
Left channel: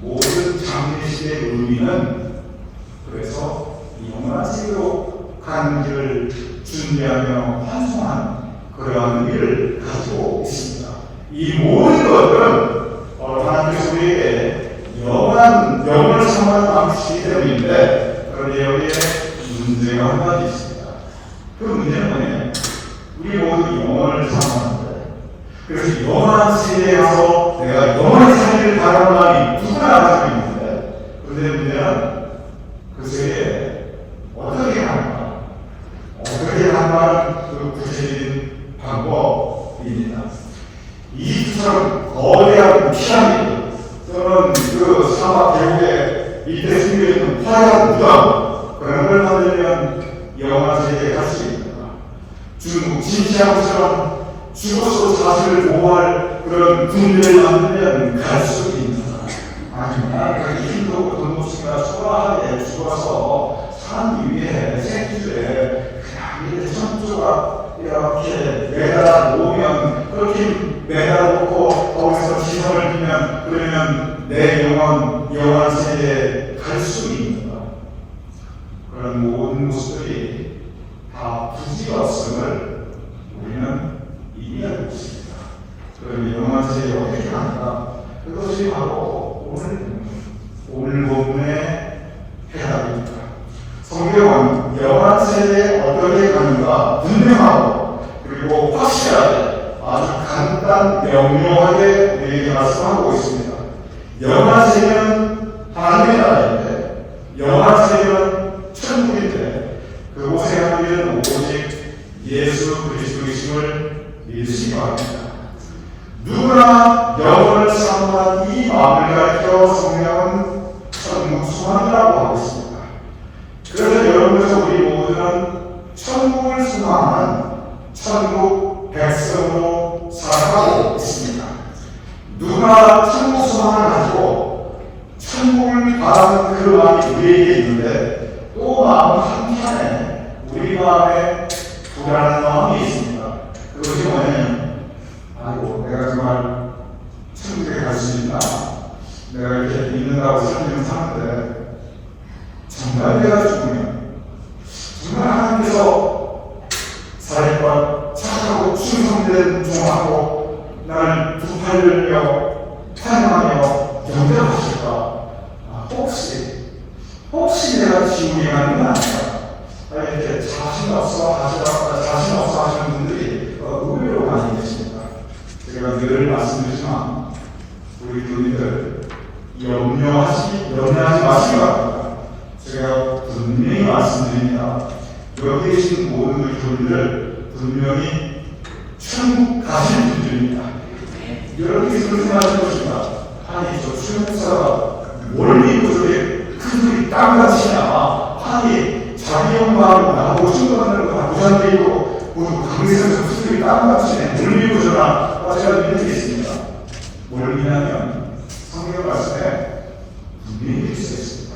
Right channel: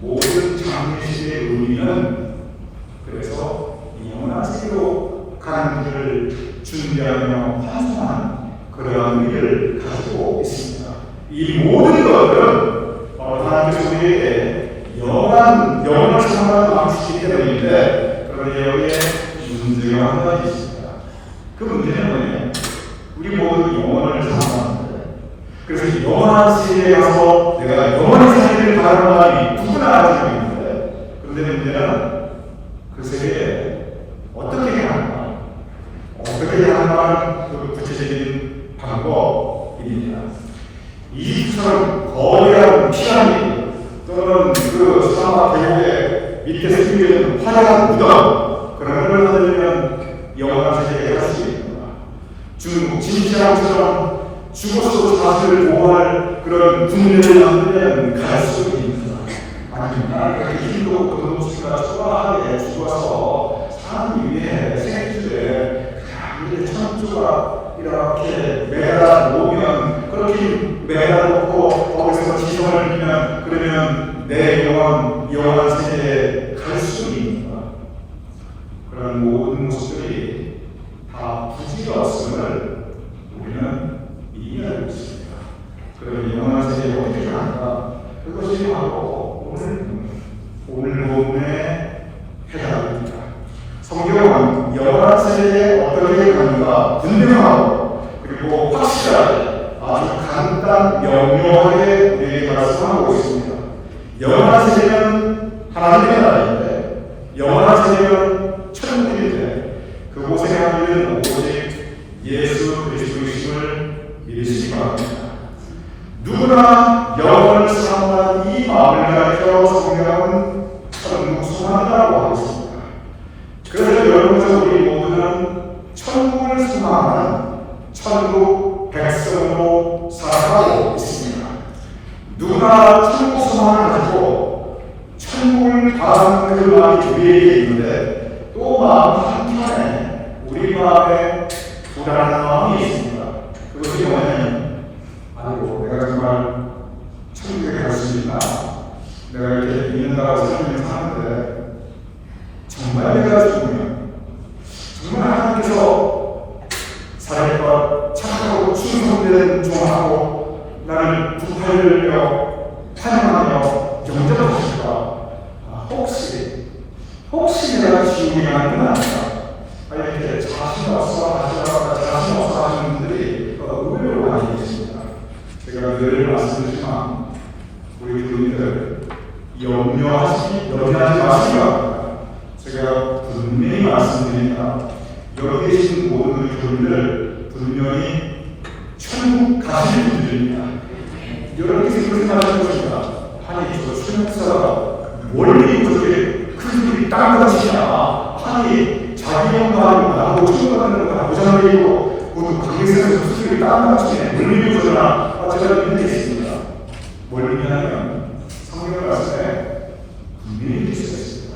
모든 장례식의 의미는 그래서 영원한 세계로 가는 길을 준비하며 환송하는 그러한 의미를 가지고 있습니다. 이 모든 것들은 하나님께서 우리에게 영원을 사모하는 마음을 주시기 때문인데 그런데 여기에 문제가 한 가지 있습니다. 그 문제는 뭐냐면 우리 모두 영원을 사모하는데 그래서 영원한 세계에 가서 내가 영원히 살기를 바라는 마음이 누구나 가지고 있는데 그런데 문제는 그 세계에 어떻게 하는가 어떻게 하는가 그 구체적인 방법입니다. 이집트처럼 거대한 피라미드 또는 그 사막 대륙에 밑에 숨겨있는 화려한 무덤 그런 걸 만들면 영원한 세계에 갈 수 있습니다. 중국 진시황처럼 죽어서 자신을 보호할 그런 군대를 만들면 갈수록 있는 아니면 그렇게 힘도 돈도수가 초라하게 죽어서 사는 위에 생기주에 그냥 천주가 이렇게 매달아 놓으면 그렇게 매달아 놓고 거기서 지성을 비면 그러면 내 영원 세계에 갈 수 있는 것. 그런 모든 모습들이 다 부지가 없음을 우리는 이미 알고 있습니다. 그럼 영원 세계에 어떻게 가는가? 그것이 바로 오늘 본문의 해답입니다. 성경은 영원 세계에 어떻게 가는가 분명하고 그리고 확실하게 아주 간단 명료하게 우리에게 말씀하고 있습니다. 영원 세계는 하나님의 나라인데 영원 세계는 천국인데 그곳에 우리는 오직 예수 그리스도이심을 믿으시기 바랍니다. 누구나 영원을 사모하는 이 마음을 가르쳐 성경은 천국 소망이라고 하고 있습니다. 그래서 여러분께서 우리 모두는 천국을 소망하는 천국 백성으로 살아가고 있습니다. 누구나 천국 소망을 가지고 천국을 바라는 그 마음이 우리에게 있는데 또 마음 한편에 우리 마음에 불안한 마음이 있습니다. 그것이 뭐냐면 아이고 내가 정말 천국에 갈 수 있나? 내가 이렇게 믿는다고 설명을 하는데 정말 내가 죽으면 정말 하나님께서 살아있고 착하고 충성된 종하고 나를 부활하며 찬양하며 영접하실까? 혹시 내가 지옥에 가는 건 아닐까? 아니 이렇게 자신 없어 하시는 분들이 의외로 많이 계십니다. 제가 늘 말씀드리지만 우리 교인들 염려하지 마시기 바랍니다. 제가 분명히 말씀드립니다. 여기 계신 모든 우리 교인들 분명히 천국 가실 분들입니다. 여러분이 그렇게 하시는 것입니다. 아니 저 수용사가 멀리 그렇게 큰 소리 땅같이냐 아니 자기 영광을 나보고 충분하는 거 보장드리고 모두 강에서 큰 소리 땅같이냐 멀리 그러나 제가 믿는 게 있습니다. 뭘 믿냐면 성경 말씀에 분명히 있어 있습니다.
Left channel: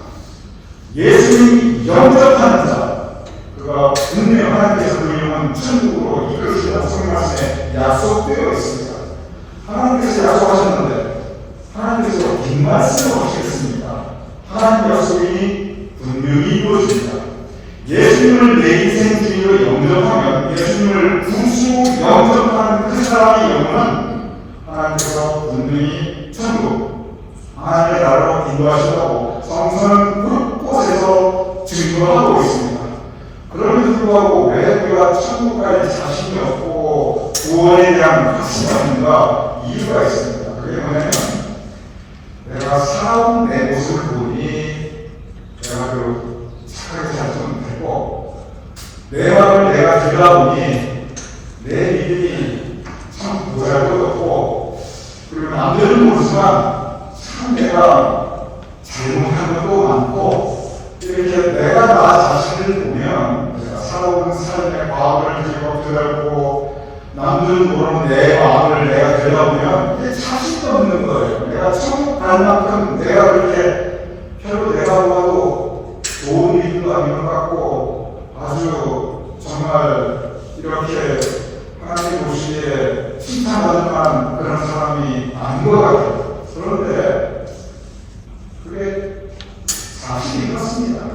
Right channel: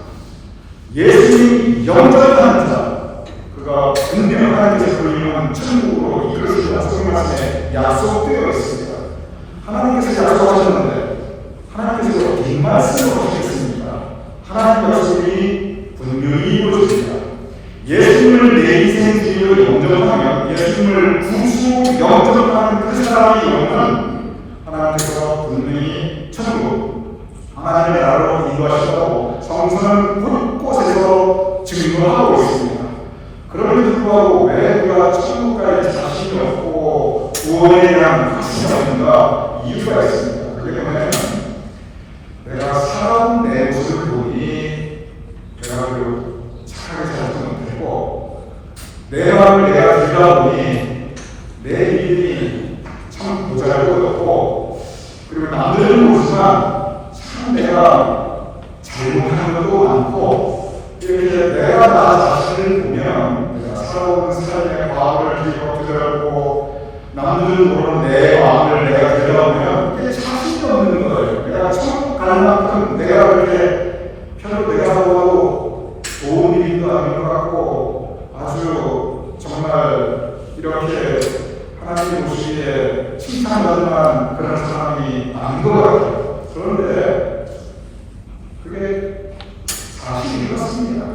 예수님이 영접하는 자 그가 분명히 하나님께서 그 이름은 천국으로 이끌으시는 성경 말씀에 약속되어 있습니다. 하나님께서 약속하셨는데 하나님께서 긴 말씀을 하시겠습니다. 하나님 약속이 분명히 이루어집니다. 예수님을 내 인생 주인으로 영접하면 예수님을 구주 영접하는 그 사람의 영혼은 하나님께서 분명히 천국 하나님의 나라로 인도하시고 성서는 곳곳에서 증거하고 있습니다. 그럼에도 불구하고 왜 우리가 천국까지 자신이 없고 구원에 대한 확신이 없는가 이유가 있습니다. 그게 뭐냐면 내가 살아온 내 모습을 보니 내가 그 착하게 살지 못했고 내 마음을 내가 들여다보니 내 믿음이 참 모자랐고 그리고 남들은 모르지만 참 내가 잘못한 것도 많고 이렇게 내가 나 자신을 보면 내가 살아온 삶의 과거를 들여다보고 남들은 모르는 내 마음을 내가 들여다보면 이게 자신도 없는 거예요. 내가 천국 갈 만큼 내가 그렇게 별로 내가보고 좋은 일도 아닌 것 같고 아주 정말 이렇게 하나님 보시기에 칭찬받을 만한 그런 사람이 아닌 것 같아요. 그런데 그게 사실이 그렇습니다.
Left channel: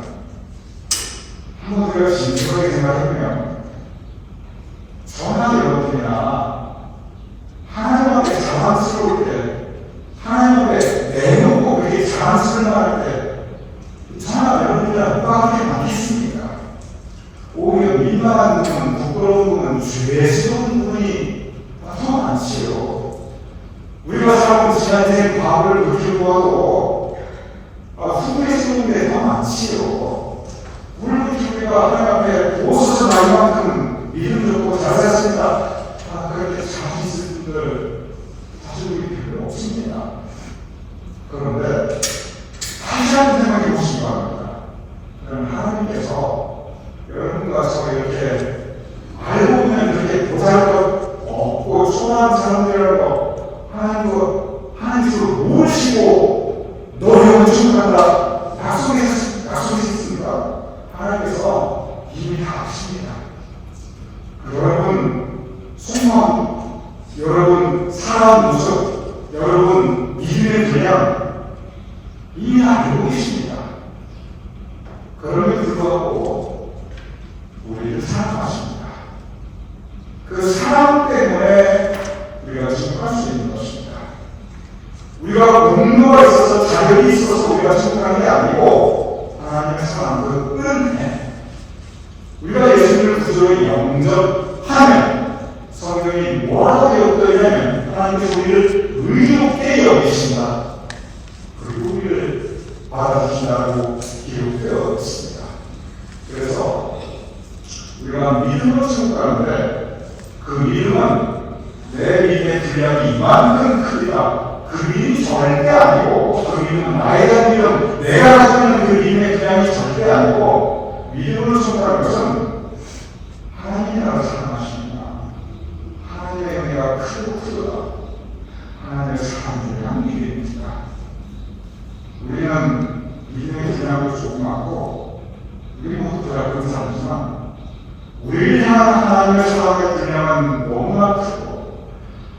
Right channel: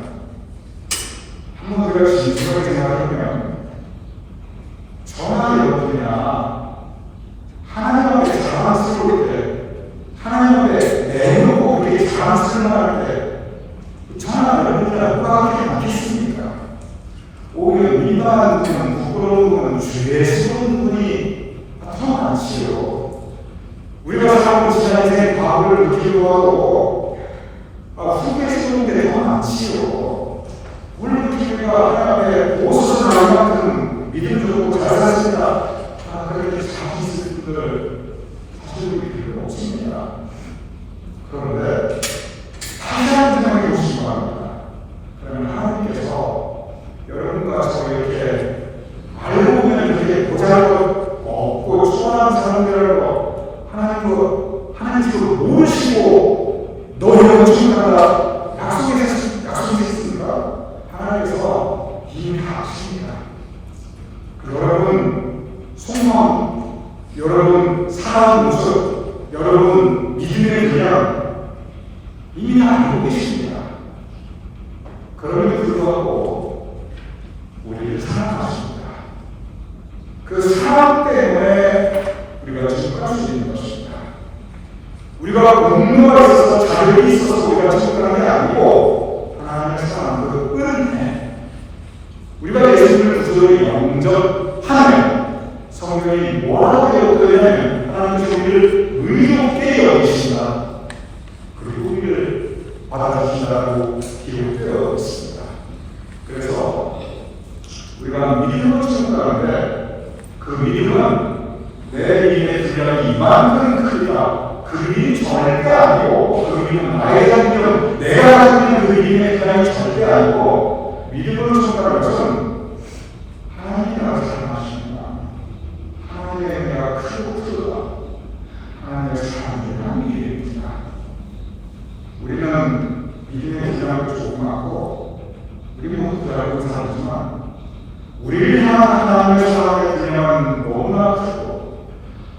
한번 우리가 진솔하게 생각해보면 저나 여러분이나 하나님 앞에 자랑스러울 때 하나님 앞에 내놓고 그렇게 자랑스러워할 때 저나 여러분이나 누가 그렇게 많겠습니까? 오히려 민망한 분은 부끄러운 분은 죄스러운 분이 더 많지요. 우리가 살고 지난 인생 과거를 느끼고 하고 후회스러운 게 더 많지요. 물론 우리가 하나님 앞에 옷을 많이 만큼 믿음 좋고 잘 살았습니다. 그렇게 자기 있을 분들 사실 필요는 없습니다. 그런데 다시 한번 생각해 보시기 바랍니다. 그러면 하나님께서 여러분과 저 이렇게 알고 보면 그렇게 보잘것 없고 사랑하는 사람들이라는 거 하나님으로 모시고 너희는 충분하다 약속했습니까? 하나님께서 이미 다 아십니다. 여러분 소망, 여러분 살아가는 모습, 여러분 믿음의 분량 이미 다 알고 계십니다. 그럼에도 불구하고 우리를 사랑하십니다. 그 사랑 때문에 우리가 충분할 수 있는 것입니다. 우리가 공로가 있어서 자격이 있어서 우리가 충분한 게 아니고 하나님의 사랑, 그 은혜, 우리가 예수님을 구주로 영접하면 성경이 뭐라고 되었더냐면 하나님께서 우리를 의롭게 여기신다, 그리고 우리를 받아주신다고 기록되어 있습니다. 그래서 우리가 믿음을 증거하는데 그 믿음은 내 믿음의 분량이 이만큼 크다, 그 믿음이 절대 아니고, 그 믿음은 나에 대한 믿음, 내가 가지고 있는 그 믿음의 분량이 절대 아니고, 믿음을 증거하는 것은 하나님이 나를 사랑하십니다. 하나님의 은혜가 크고 크다, 하나님의 사랑을 믿음입니다. 우리는 믿음의 분량도 조그맣고 우리 모두 알고 살지만 우리를 향한 하나님의 사랑의 분량은 너무나 크고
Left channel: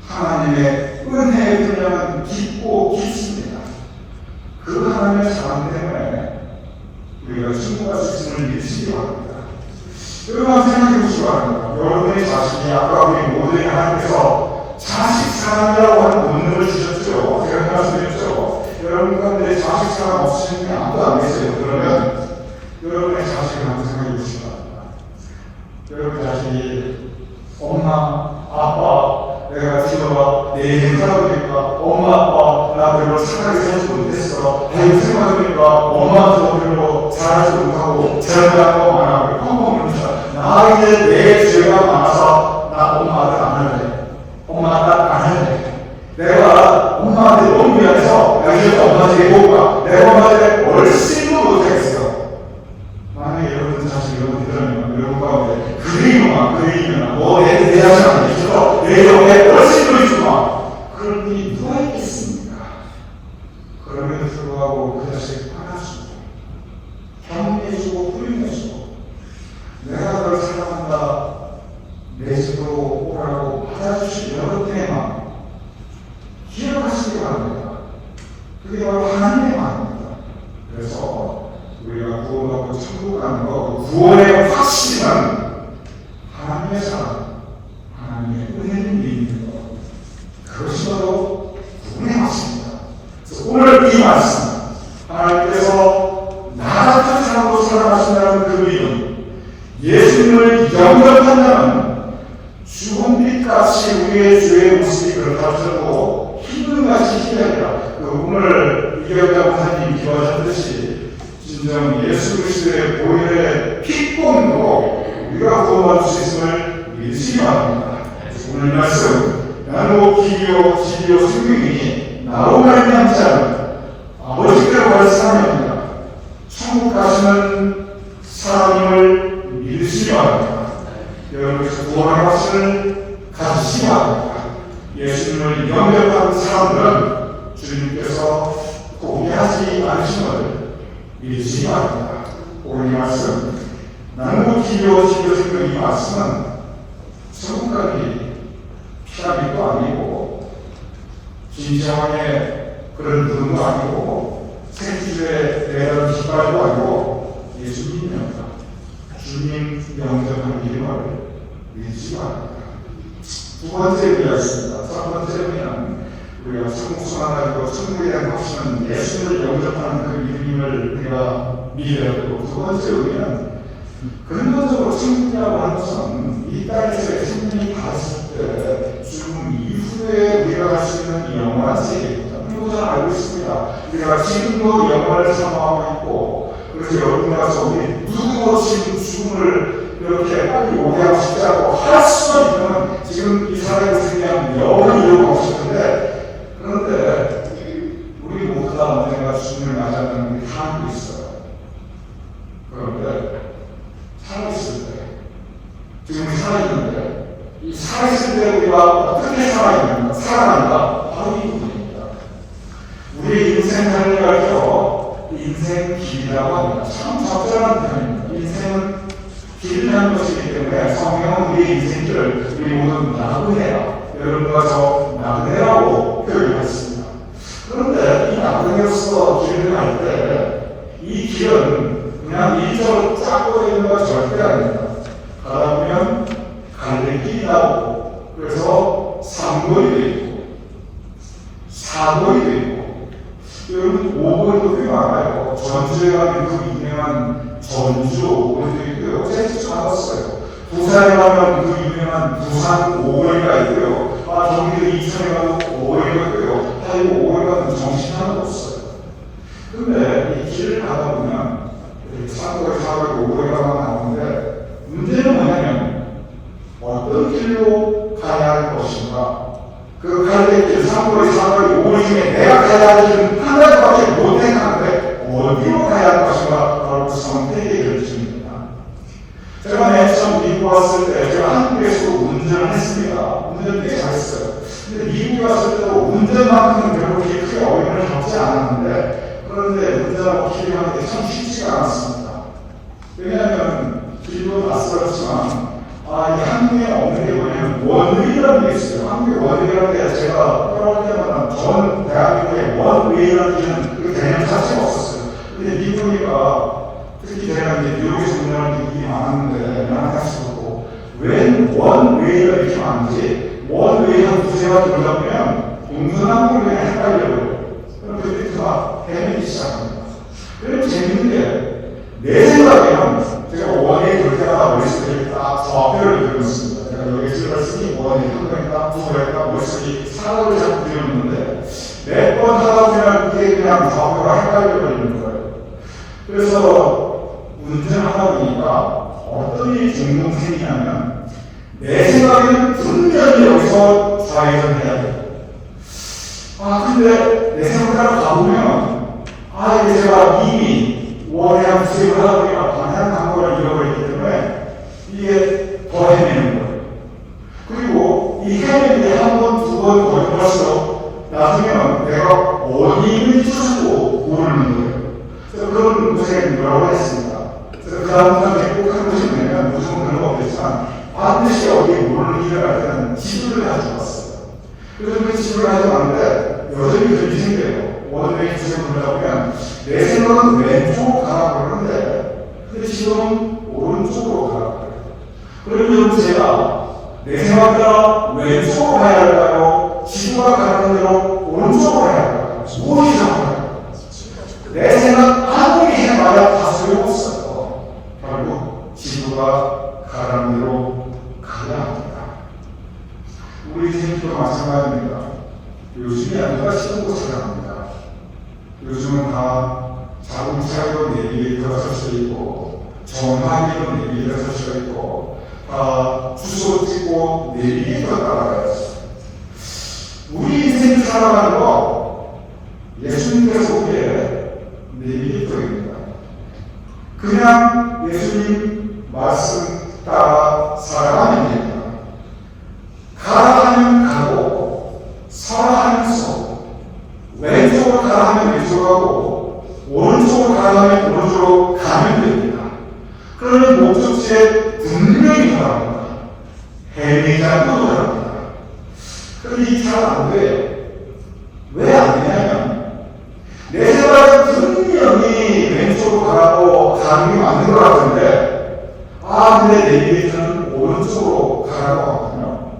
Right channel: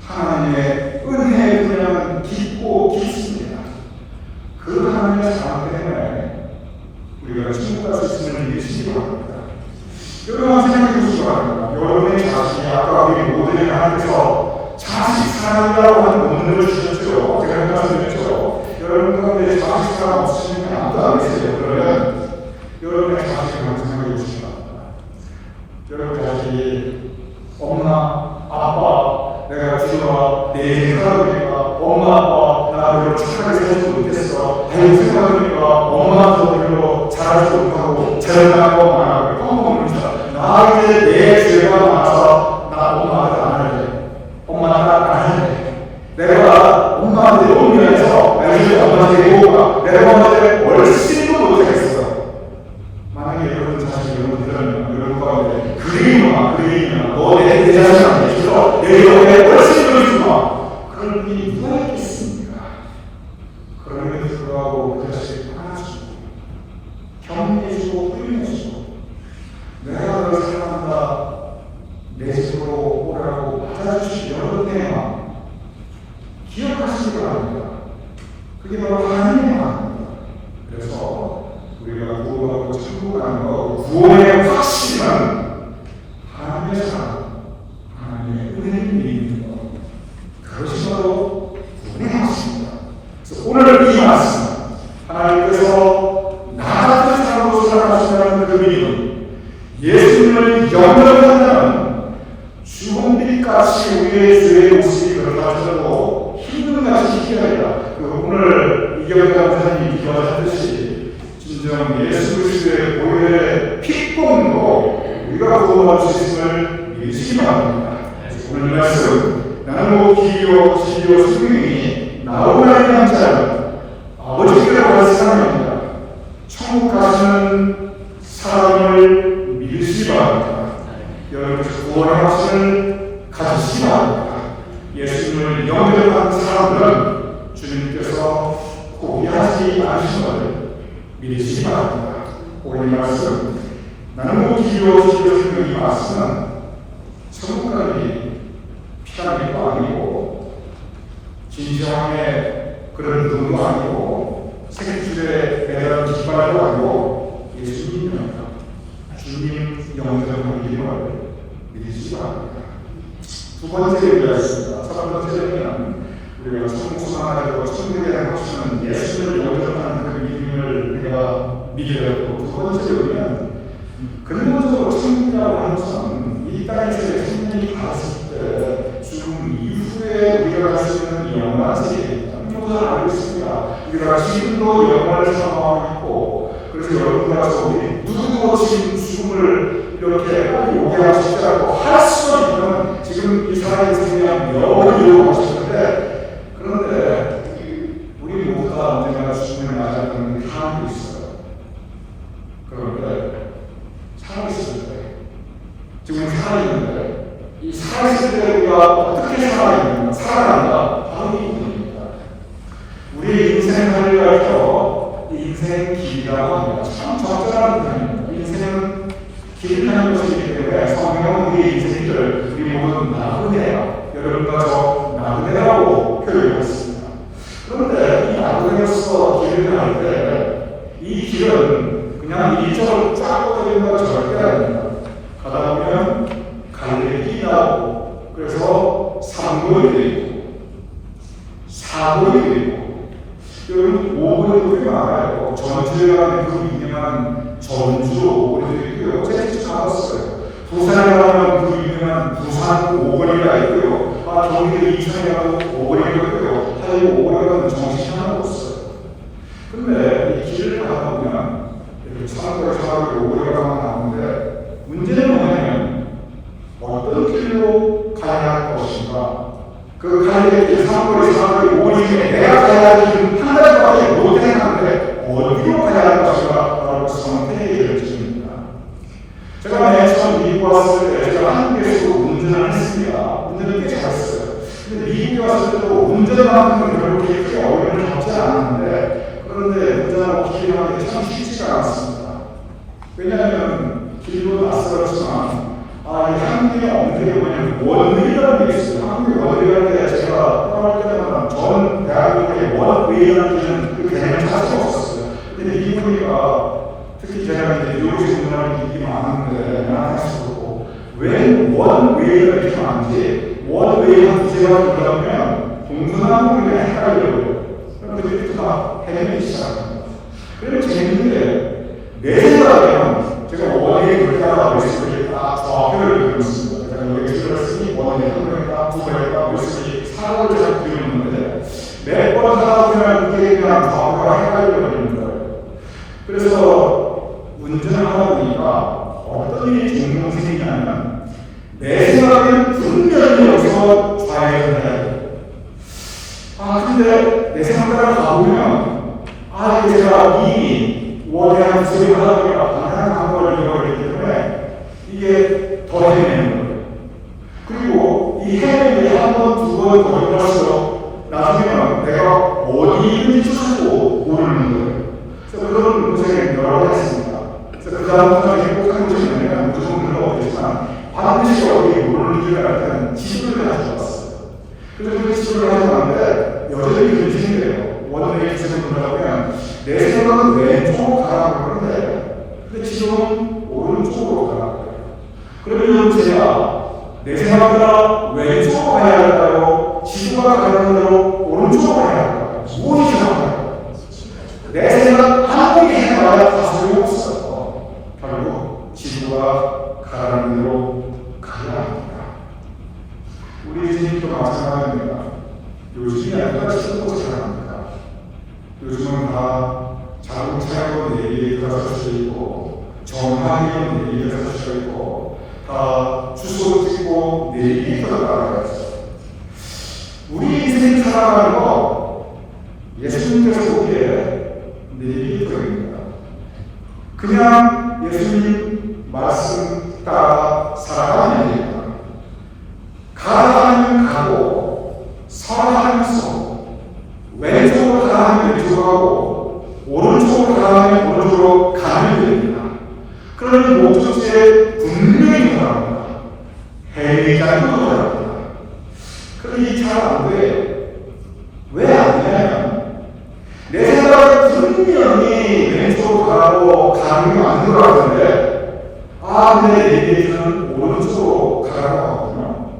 하나님의 은혜의 분량은 깊고 깊습니다. 그 하나님의 사랑 때문에 우리가 충분할 수 있음을 믿으시기 바랍니다. 여러분 생각해 보시기 바랍니다. 여러분의 자신이 아까 우리 모두의 하나님께서 자식 사랑이라고 하는 본능을 주셨죠. 제가 말씀드렸죠. 여러분 가운데 자식 사랑 없으신 분이 아무도 안 계세요. 그러면 여러분의 자식을 한번 생각해 보시기 바랍니다. 여러분 자식이 엄마, 아빠, 내가 지어와 내 인생 살아보니까 엄마, 아빠 나 별로 착하게 살지 못했어. 내 생각하니까 엄마도 별로 잘하지 못하고 잘한다고 말하고 까먹으면서 나 이제 내 죄가 많아서 나 엄마를 안 할래. 엄마를 안 할래. 내가 엄마한테 너무 미안해서 내가 이제 엄마한테 해보고 내가 엄마한테 얼씬도 못하겠어. 만약에 여러분 자식 여러분 들으면 여러분과 그림이면 너내 자식 아니겠어? 내 여러분의 얼씬도 해주마. 그런 분이 누가 있겠습니까? 그럼에도 불구하고 그 자식을 화나주고 경계해주고 후임해주고 내가 너를 사랑한다, 내 집으로 오라고 받아주신 여러분의 마음 기억하시기 바랍니다. 그게 바로 하나님의 마음입니다. 그래서 우리가 구원하고 천국 가는 것, 구원의 확신은 하나님의 사랑, 하나님의 은혜를 믿는 것, 그것이 바로 구원의 확신입니다. 그래서 오늘 이 말씀, 하나님께서 나 같은 사람으로 살아가신다는 그 믿음, 예수님을 영접한다는 죽음빛같이 우리의 죄의 모습이 그렇다고 힘든 것이 희귀하리라. 오늘 이경남 목사님이 기도하셨듯이 진정 예수 그리스도의 보혈의 피권으로 우리가 구원받을 수 있음을 믿으시기 바랍니다. 오늘 말씀 나는 기요 지요 성령이 나로 말미암지 않은 아버지께로 갈 사람입니다. 천국 가시는 사람을 믿으시기 바랍니다. 여러분께서 구원의 확신을 가지시기 바랍니다. 예수님을 영접하는 사람들은 주님께서 포기하지 않으신 것을 믿으시기 바랍니다. 오늘 이 말씀 나는 기도 생각 이 말씀은 천국가기 피하기도 아니고 진정의 그런 의도 아니고 생주의 대한 기발도 아니고 예수님입니다. 주님 영접하는 믿음을 믿으시기 바랍니다. 두 번째 의미였습니다. 첫 번째 의미는 우리가 천국 순환하고 천국에 대한 확신은 예수를 영접하는 그 믿음을 우리가 믿어야 되고, 두 번째 의미는 근본적으로 천국이라고 하는 것은 이 땅에서 예수님이 받았을 때 죽음 이후에 우리가 갈 수 있는 영원한 세계입니다. 모두 잘 알고 있습니다. 우리가 지금도 영원을 사망하고 있고, 그래서 여러분과 우리 누구도 지금 죽음을 이렇게 빨리 오게 하시자고 할 수 있는 지금 이 사람이 그냥 영원히 이루고 하시는데, 그런데 우리 모두 다 언젠가 죽음을 맞이하는 게 하나도 있어요. 그런데 살아있을 때, 지금 살아있는데 이 살아있을 때 우리가 어떻게 살아야 됩니다. 살아난다. 바로 이 부분입니다. 우리 인생을 가르쳐 인생 길이라고 합니다. 참 적절한 표현입니다. 인생은 길이라는 것이기 때문에 성경은 우리 인생을 우리 모두 나그네야, 여러분과 저 나그네라고 표현을 했습니다. 그런데 이 나그네로서 길을 갈 때 이 길은 그냥 일자로 쫙 뻗어있는 건 절대 아닙니다. 가다 보면 갈래길이 나오고, 그래서 3번이 되고 4번이 되고, 여러분 5번도 꽤 많아요. 전주에 가면 그 유명한 전주 5번도 있고요. 제가 찾았어요. 부산에 가면 그 유명한 부산 5번이가 있고요. 경기도 이천에 가면 5번이가 있고요. 이 5번에 가면 정신 하나도 없어요. 근데 이 길을 가다 보면 이렇게 산골에 사람이 5번에 가면 나오는데, 문제는 뭐냐면 어떤 길로 가야 할 것인가. 그 갈래길 산골의 사람이 5번 중에 내가 가야 할 길은 한 가지밖에 못 생각하는데 어디로 가야 할 것인가 라고 선택의 결정입니다. 제가 맨 처음 미국 왔을 때 제가 한국에서 운전을 했습니다. 운전을 꽤 잘했어요. 근데 미국에 왔을 때도 운전만큼은 별로 그렇게 어려움을 겪지 않았는데, 그런데 운전하고 길을 가는 게 참 쉽지가 않았습니다. 왜냐하면 길도 낯설었지만 이게 한국에 없는 게 뭐냐면 원웨이라는 게 있어요. 한국에 원웨이라는 게 제가 떠날 때마다 전 대한민국에 원웨이라는 게는 그 개념 자체가 없었어요. 근데 미국이니까 특히 제가 이제 뉴욕에서 운전하는 일이 많았는데 연합에서도 왜 원웨이가 이렇게 많은지, 원웨이가 부재가 들어가면 동서남북을 그냥 헷갈려요. 그럼 그때 막 헤매기 시작합니다. 그리고 재밌는 게 내 생각에는 제가 원웨이 돌 때마다 머릿속에 딱 좌표를 그리고 있습니다. 제가 여기 찍었으니 원웨이 한 번인가 두 번인가 머릿속에 사고를 자꾸 그리는데 몇 번 하다 보면 그게 그냥 좌표가 헷갈려버리는 거예요. 그래서 운전을 하다 보니까 어떤 일이 종종 생기냐면, 내 생각에는 분명히 여기서 좌회전을 해야 돼요. 근데 내 생각을 가보면 이게 제가 이미 원해양 부색을 하다 보니까 방향 방법을 잃어버리기 때문에 이게 더 헤매는 거예요. 그리고 이 헤매는 게 한 번, 두 번 더 일어날수록 나중에는 내가 어디를 쫓고 모르는 거예요. 그래서 그런 문제에 여러 번 했습니다. 그래서 그 다음부터 행복한 것이 뭐냐면, 무슨 그런 거 없겠지만 반드시 어디 모르는 길을 갈 때는 지도를 가지고 왔어요. 그래서 그 지도를 가지고 왔는데 여전히 그렇게 생겨요. 원웨이 지도를 보면 내 생각은 왼쪽으로 가라고 그러는데 근데 지도는 오른쪽으로 가라고 해요. 그러면 제가 내 생각보다 왼쪽으로 가야 할까요? 지도가 가는 대로 오른쪽으로 가야 할까요? 무엇이 이상할까요? 내 생각 아무리 해봐야 다 소용없어요. 결국 지도가 가라는 대로 가야 합니다. 우리 인생도 마찬가지입니다. 요즘이 아니라 신고 살아갑니다. 요즘은 다 자동차로 내비게이터가 설쳐 있고, 정황기로 내비게이터가 설쳐 있고, 다 주소 찍고 내비게이터가 따라가야죠. 우리 인생 살아가는 거 예수님께서 보기에 내비게이터입니다. 그냥 예수님 말씀 따라 살아가면 됩니다. 가라 하면 가고, 서라 하면 서고, 왼쪽으로 가라 하면 왼쪽으로 가고, 오른쪽으로 가라 하면 오른쪽으로 가면 됩니다. 그러면 목적지에 분명히 가랍니다. 헤매지 않고 가랍니다. 그러니 잘 안 돼. 왜 안 되냐면, 내 생각은 분명히 왼쪽으로 가라고 가는 게 맞는 것 같은데, 근데 내비게이터는 오른쪽으로 가라고 하거든요.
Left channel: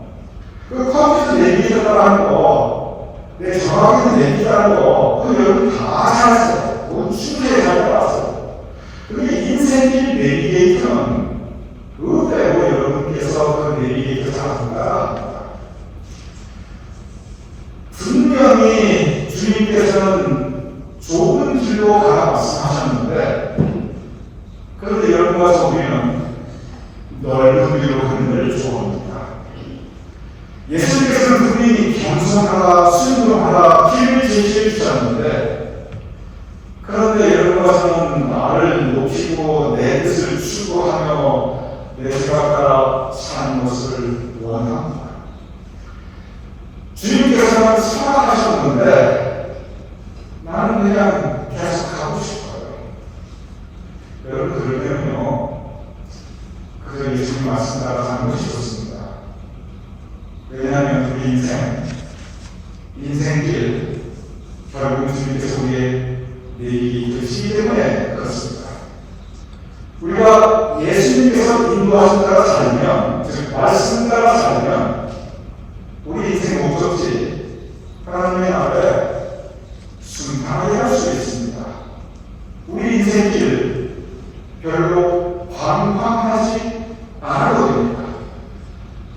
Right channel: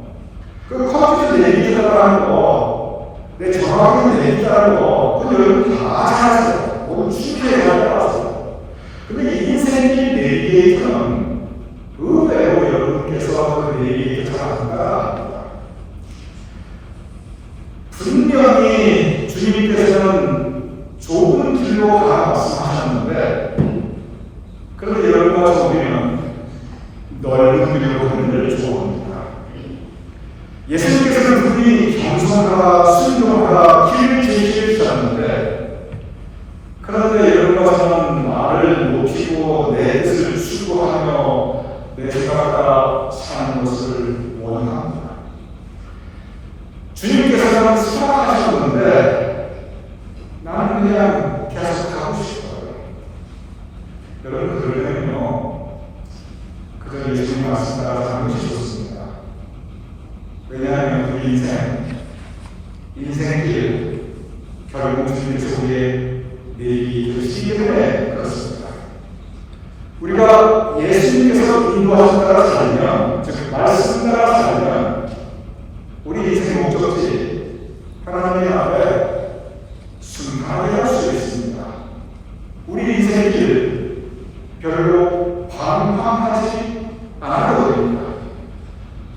그 컴퓨터 내비게이터라는 거, 내 정확히 내비게이터라는 거, 그거 여러분 다 잘했어요. 그건 쉽게 잘 알았어요. 근데 인생의 내비게이터는 의외로 여러분께서 그 내비게이터 잘한다. 분명히 주님께서는 좁은 길로 가라 말씀하셨는데, 그런데 여러분 와서 우리는 넓은 길로 가는 걸 좋아합니다. 예수님께서는 분명히 겸손하라, 순종하라, 길을 제시해 주셨는데, 그런데 여러분 와서는 나를 높이고 내 뜻을 추구하며 내 생각 따라 사는 것을 원합니다. 주님께서는 사랑하셨는데 나는 그냥 계속 가고 싶어요. 여러분 그러면요 그저 예수님 말씀 따라 사는 것이 좋습니다. 왜냐하면 우리 인생길 결국 주님께서 우리의 내일이 되시기 때문에 그렇습니다. 우리가 예수님께서 인도하신 따라 살면, 즉 말씀 따라 살면 우리 인생 목적지 하나님의 앞에 순탄하게 할 수 있습니다. 우리 인생길 별로 방황하지 않아도 됩니다.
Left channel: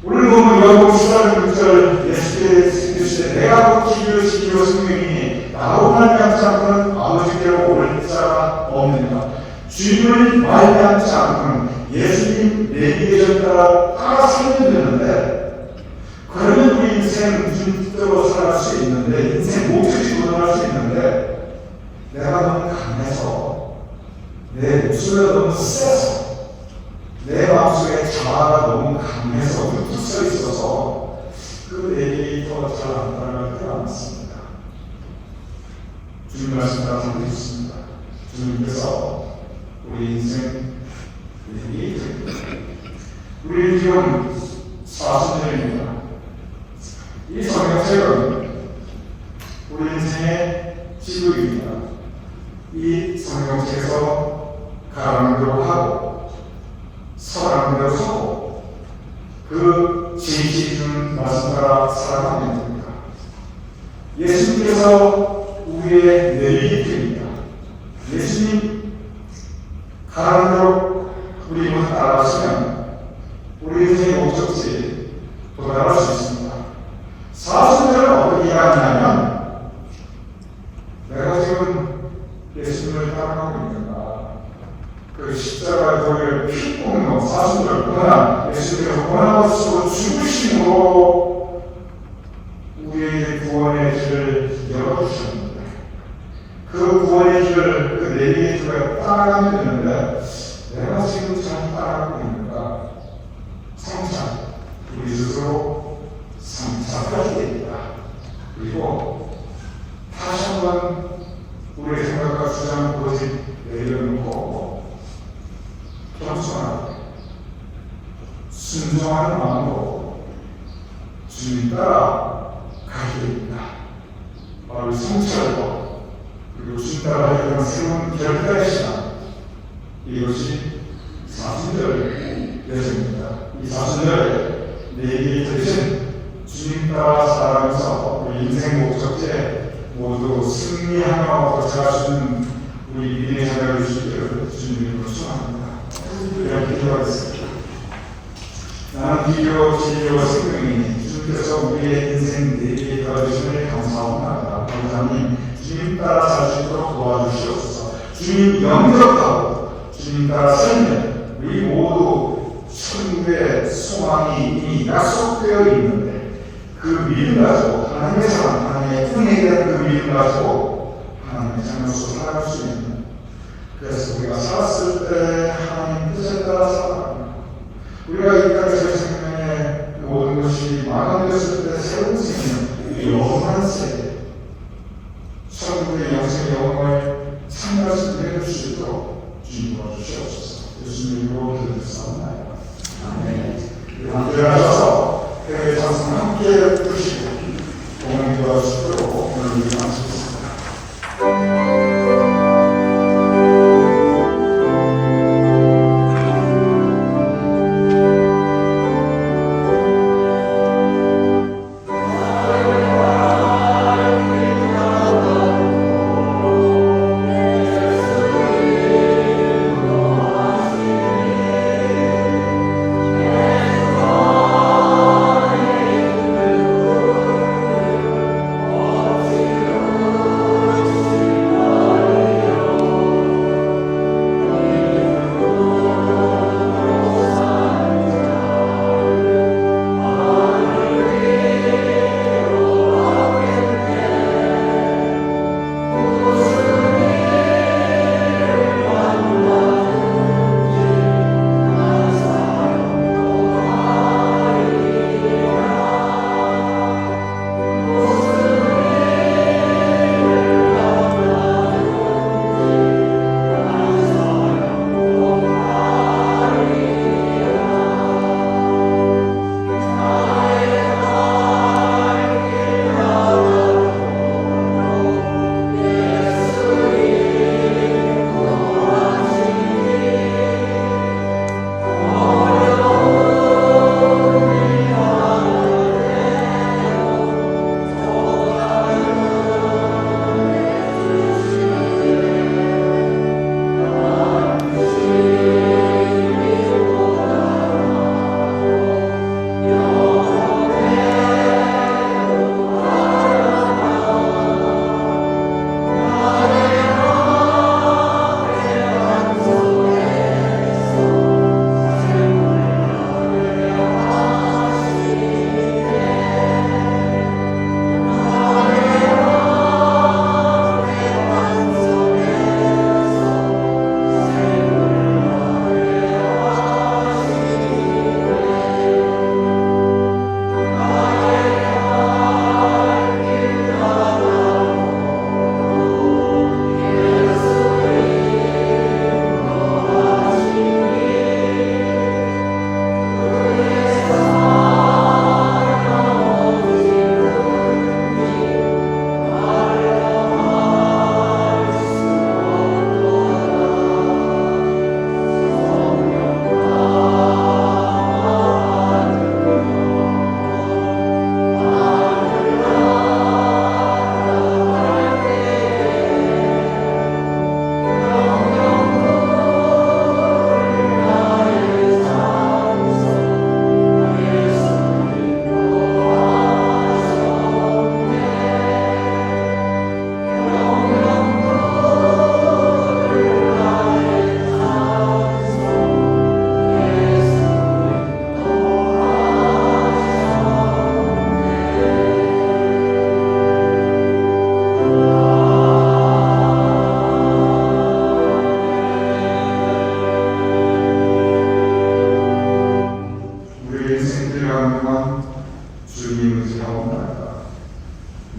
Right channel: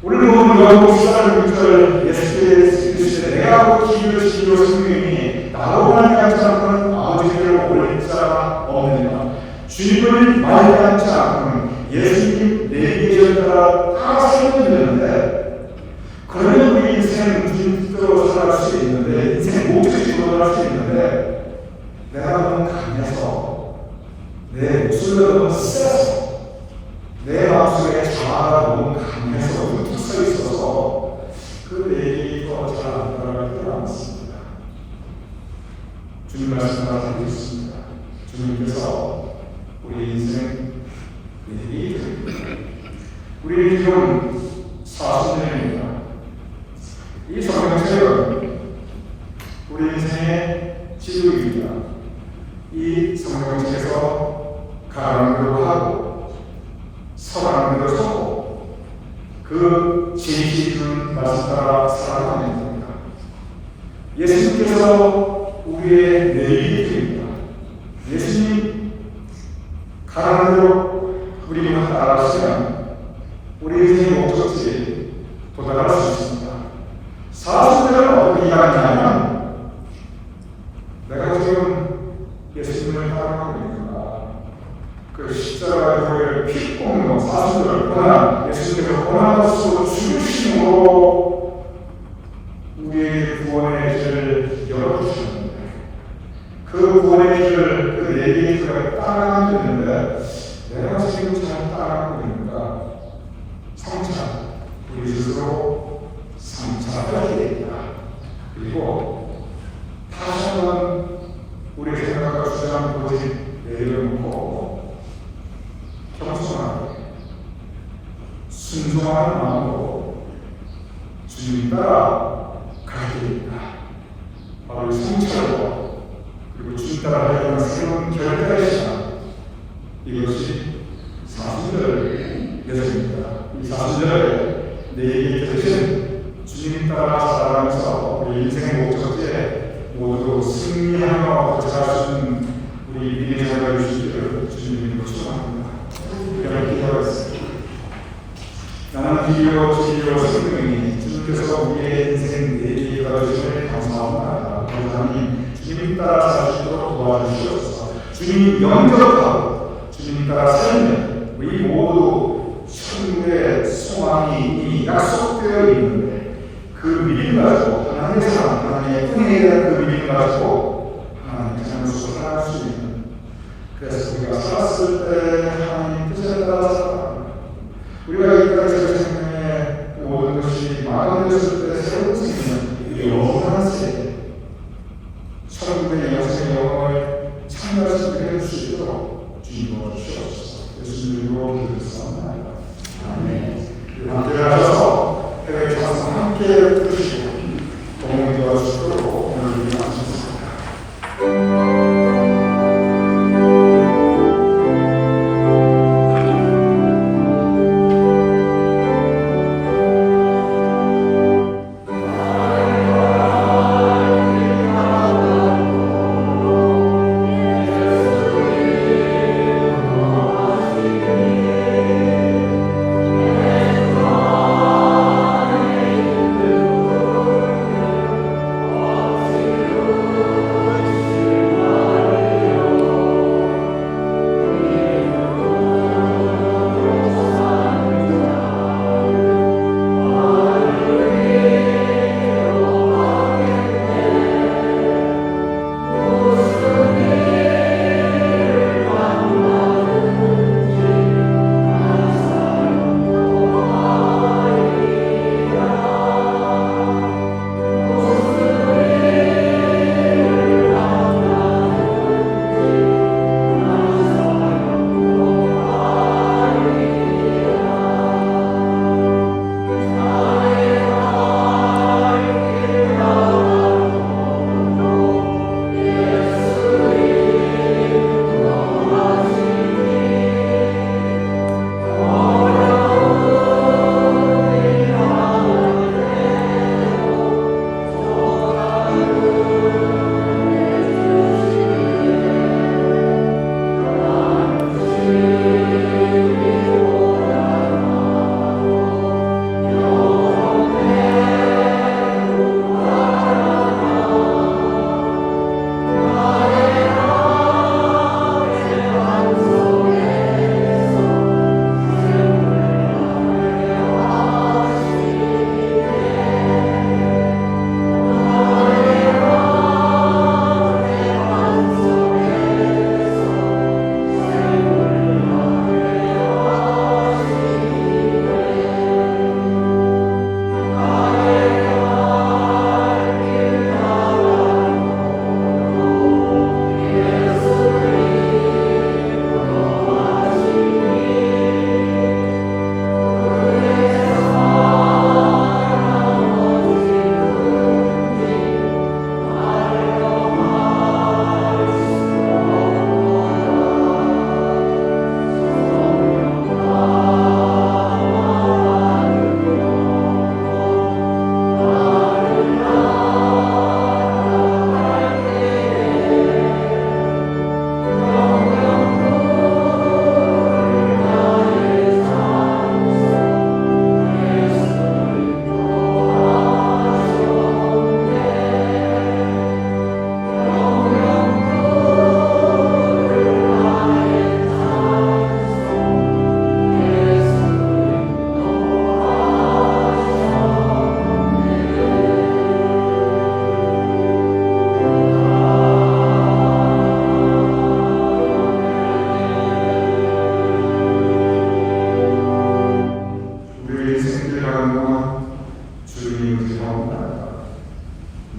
오늘 보면 요한복음 14장 6절 예수께서 내가 길을 지키고 성령이니 나로 말미암지 않고는 아버지께로 올 자가 없느니라. 주님을 말미암지 않고는 예수님 내비게이션 따라 살면 되는데, 그러면 우리 인생 무슨 뜻대로 살아갈 수 있는데, 인생 목적이 도달할 수 있는데, 내가 너무 강해서, 내 목소리가 너무 세서, 내 마음속에 자아가 너무 강해서 붙어 있어서 그 내비게이터가 잘 안 따라갈 때가 많습니다. 주님 말씀 따라 살고 있습니다. 주님께서 우리 인생 내비게이터입니다. 우리는 지금 40년입니다. 이 성경책은 우리 인생의 지도입니다. 이 성경책에서 가라는 대로 하고 서라는 대로 서고 그 지시는 말씀 따라 살아가면 됩니다. 예수님께서 우리의 내비게이터입니다. 예수님 가라는 대로 우리만 따라가시면 우리 인생의 목적지 도달할 수 있습니다. 40년을 어떻게 가느냐면 내가 지금 예수님을 따라가고 있는가, 그 십자가에 피 뽑는 40년을 고난, 예수님께서 고난으로 죽으심으로 우리의 구원의 길을 열어주셨는데, 그 구원의 길을 그 내비게이터가 따라가면 되는데 내가 지금 잘 따라가고 있는가? 성찰, 우리 스스로 성찰하게 됩니다. 그리고 다시 한번 우리의 생각과 주장을 그것이 내려놓고 겸손하게 순종하는 마음으로 주님 따라 가게 됩니다. 바로 성찰과 그리고 주님 따라 해야 하는 새로운 결단의 시간, 이것이 40절 예수입니다. 이 40절 내게 드신 주님 따라 살아가면서 우리 인생 목적지에 모두 승리하며 도착할 수 있는 우리 믿음의 자녀를 주시기를 주님으로 축원합니다. 그렇게 기도하겠습니다. 나는 비교, 진리로 생명이니 주님께서 우리의 인생 내비게이터가 되시니 감사합니다. 하나님, 주님 따라 살 수 있도록 도와주시옵소서. 주님 영접하고 주님 따라 살면 우리 모두 천국의 소망이 이미 약속되어 있는데 그 믿음 가지고 하나님의 사랑, 하나님의 은혜에 대한 그 믿음 가지고 하나님의 자녀로서 살아갈 수 있는, 그래서 우리가 살았을 때 하나님 뜻에 따라 살아갑니다. 우리가 이 땅에서 생명의 모든 것이 마감되었을 때 새로운 생명, 영원한 세계, 천국의 영생의 영광을 참여할 수 있게 해주시도록 주님 도와주시옵소서. 예수님으로 기도드렸사옵나이다. 아멘. 함께 하셔서 교회 찬송 함께 부르시고 공헌 도와주시도록 오늘 기도하겠습니다.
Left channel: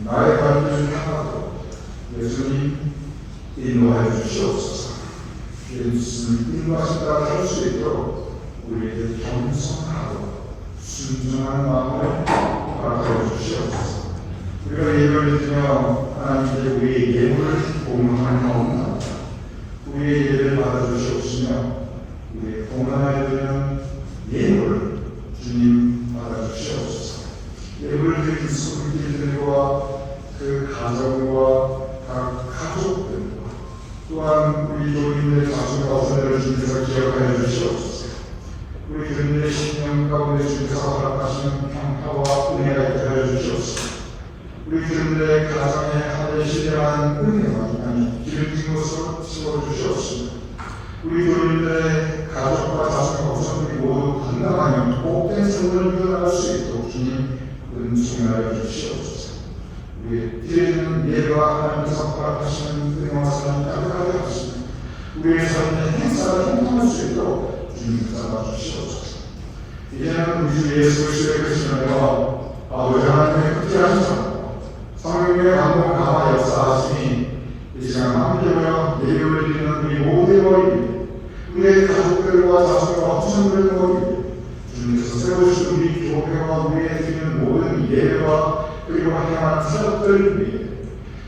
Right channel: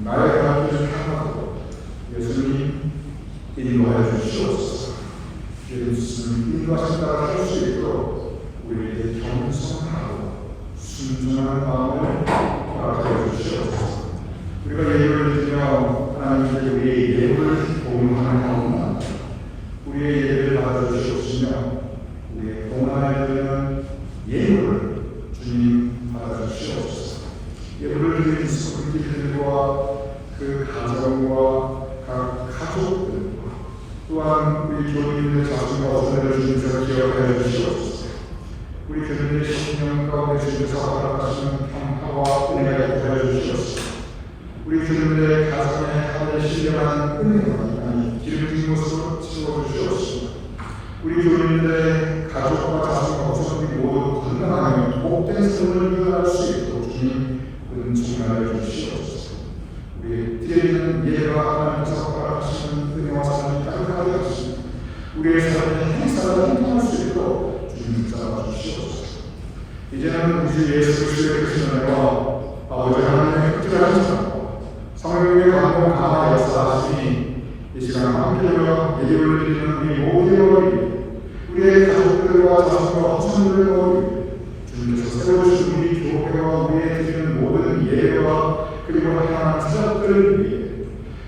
나의 갈 길 중에 하나도 예수님 인도하여 주시옵소서. 예수님 인도하신 따라 살 수 있도록 우리에게 겸손하고 순종한 마음을 허락하여 주시옵소서. 우리가 예배를 드리며 하나님께 우리의 예물을 공헌하옵나이다. 우리의 예배를 받아주시옵시며 우리의 공헌하여 드리는 예물을 주님 받아주시옵소서. 예물을 드린 손길들과 그 가정과 각 가족들과 또한 우리 교인들 자신과 어선을 주님께서 기억하여 주시옵소서. 우리 교인들의 신령 가운데 주님께서 허락하시는 평화와 은혜가 있게 하여 주시옵소서. 우리 교인들의 가정에 하늘의 신령한 은혜가 기름진 것으로 채워주시옵소서. 우리 교인들의 가족과 자신과 어선들이 모두 건강하며 복된 삶을 이어갈 수 있도록 주님 은총하여 주시옵소서. 우리 드리는 예배와 하나님께서 허락하시는 은혜와 사랑이 가득하게 하시며 우리의 삶의 행사를 행동할 수 있도록 주님께서 도와주시옵소서. 이제는 우리 주 예수 그리스도의 크신 은혜와 아버지 하나님의 극진하신 사랑 성령의 감동 강화 역사하시니 이 시간 함께하여 예배를 드리는 우리 모두의 머리 우리의 가족들과 자손과 후손들의 머리 주님께서 세워주신 우리 교회와 우리의 드리는 모든 예배와 그리고 향한 사역들을 위해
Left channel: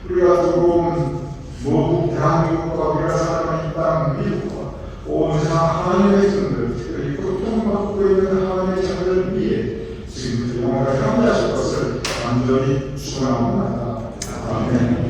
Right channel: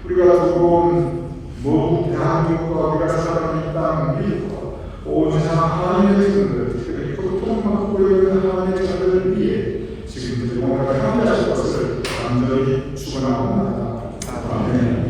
우리가 두고 모든 대한민국과 우리가 살아가는 땅 미국과 온 세상 하나님의 백성들 특별히 고통받고 있는 하나님의 자들을 위해 지금부터 영원하게 함께하실 것을 간절히 축원합니다. 아멘.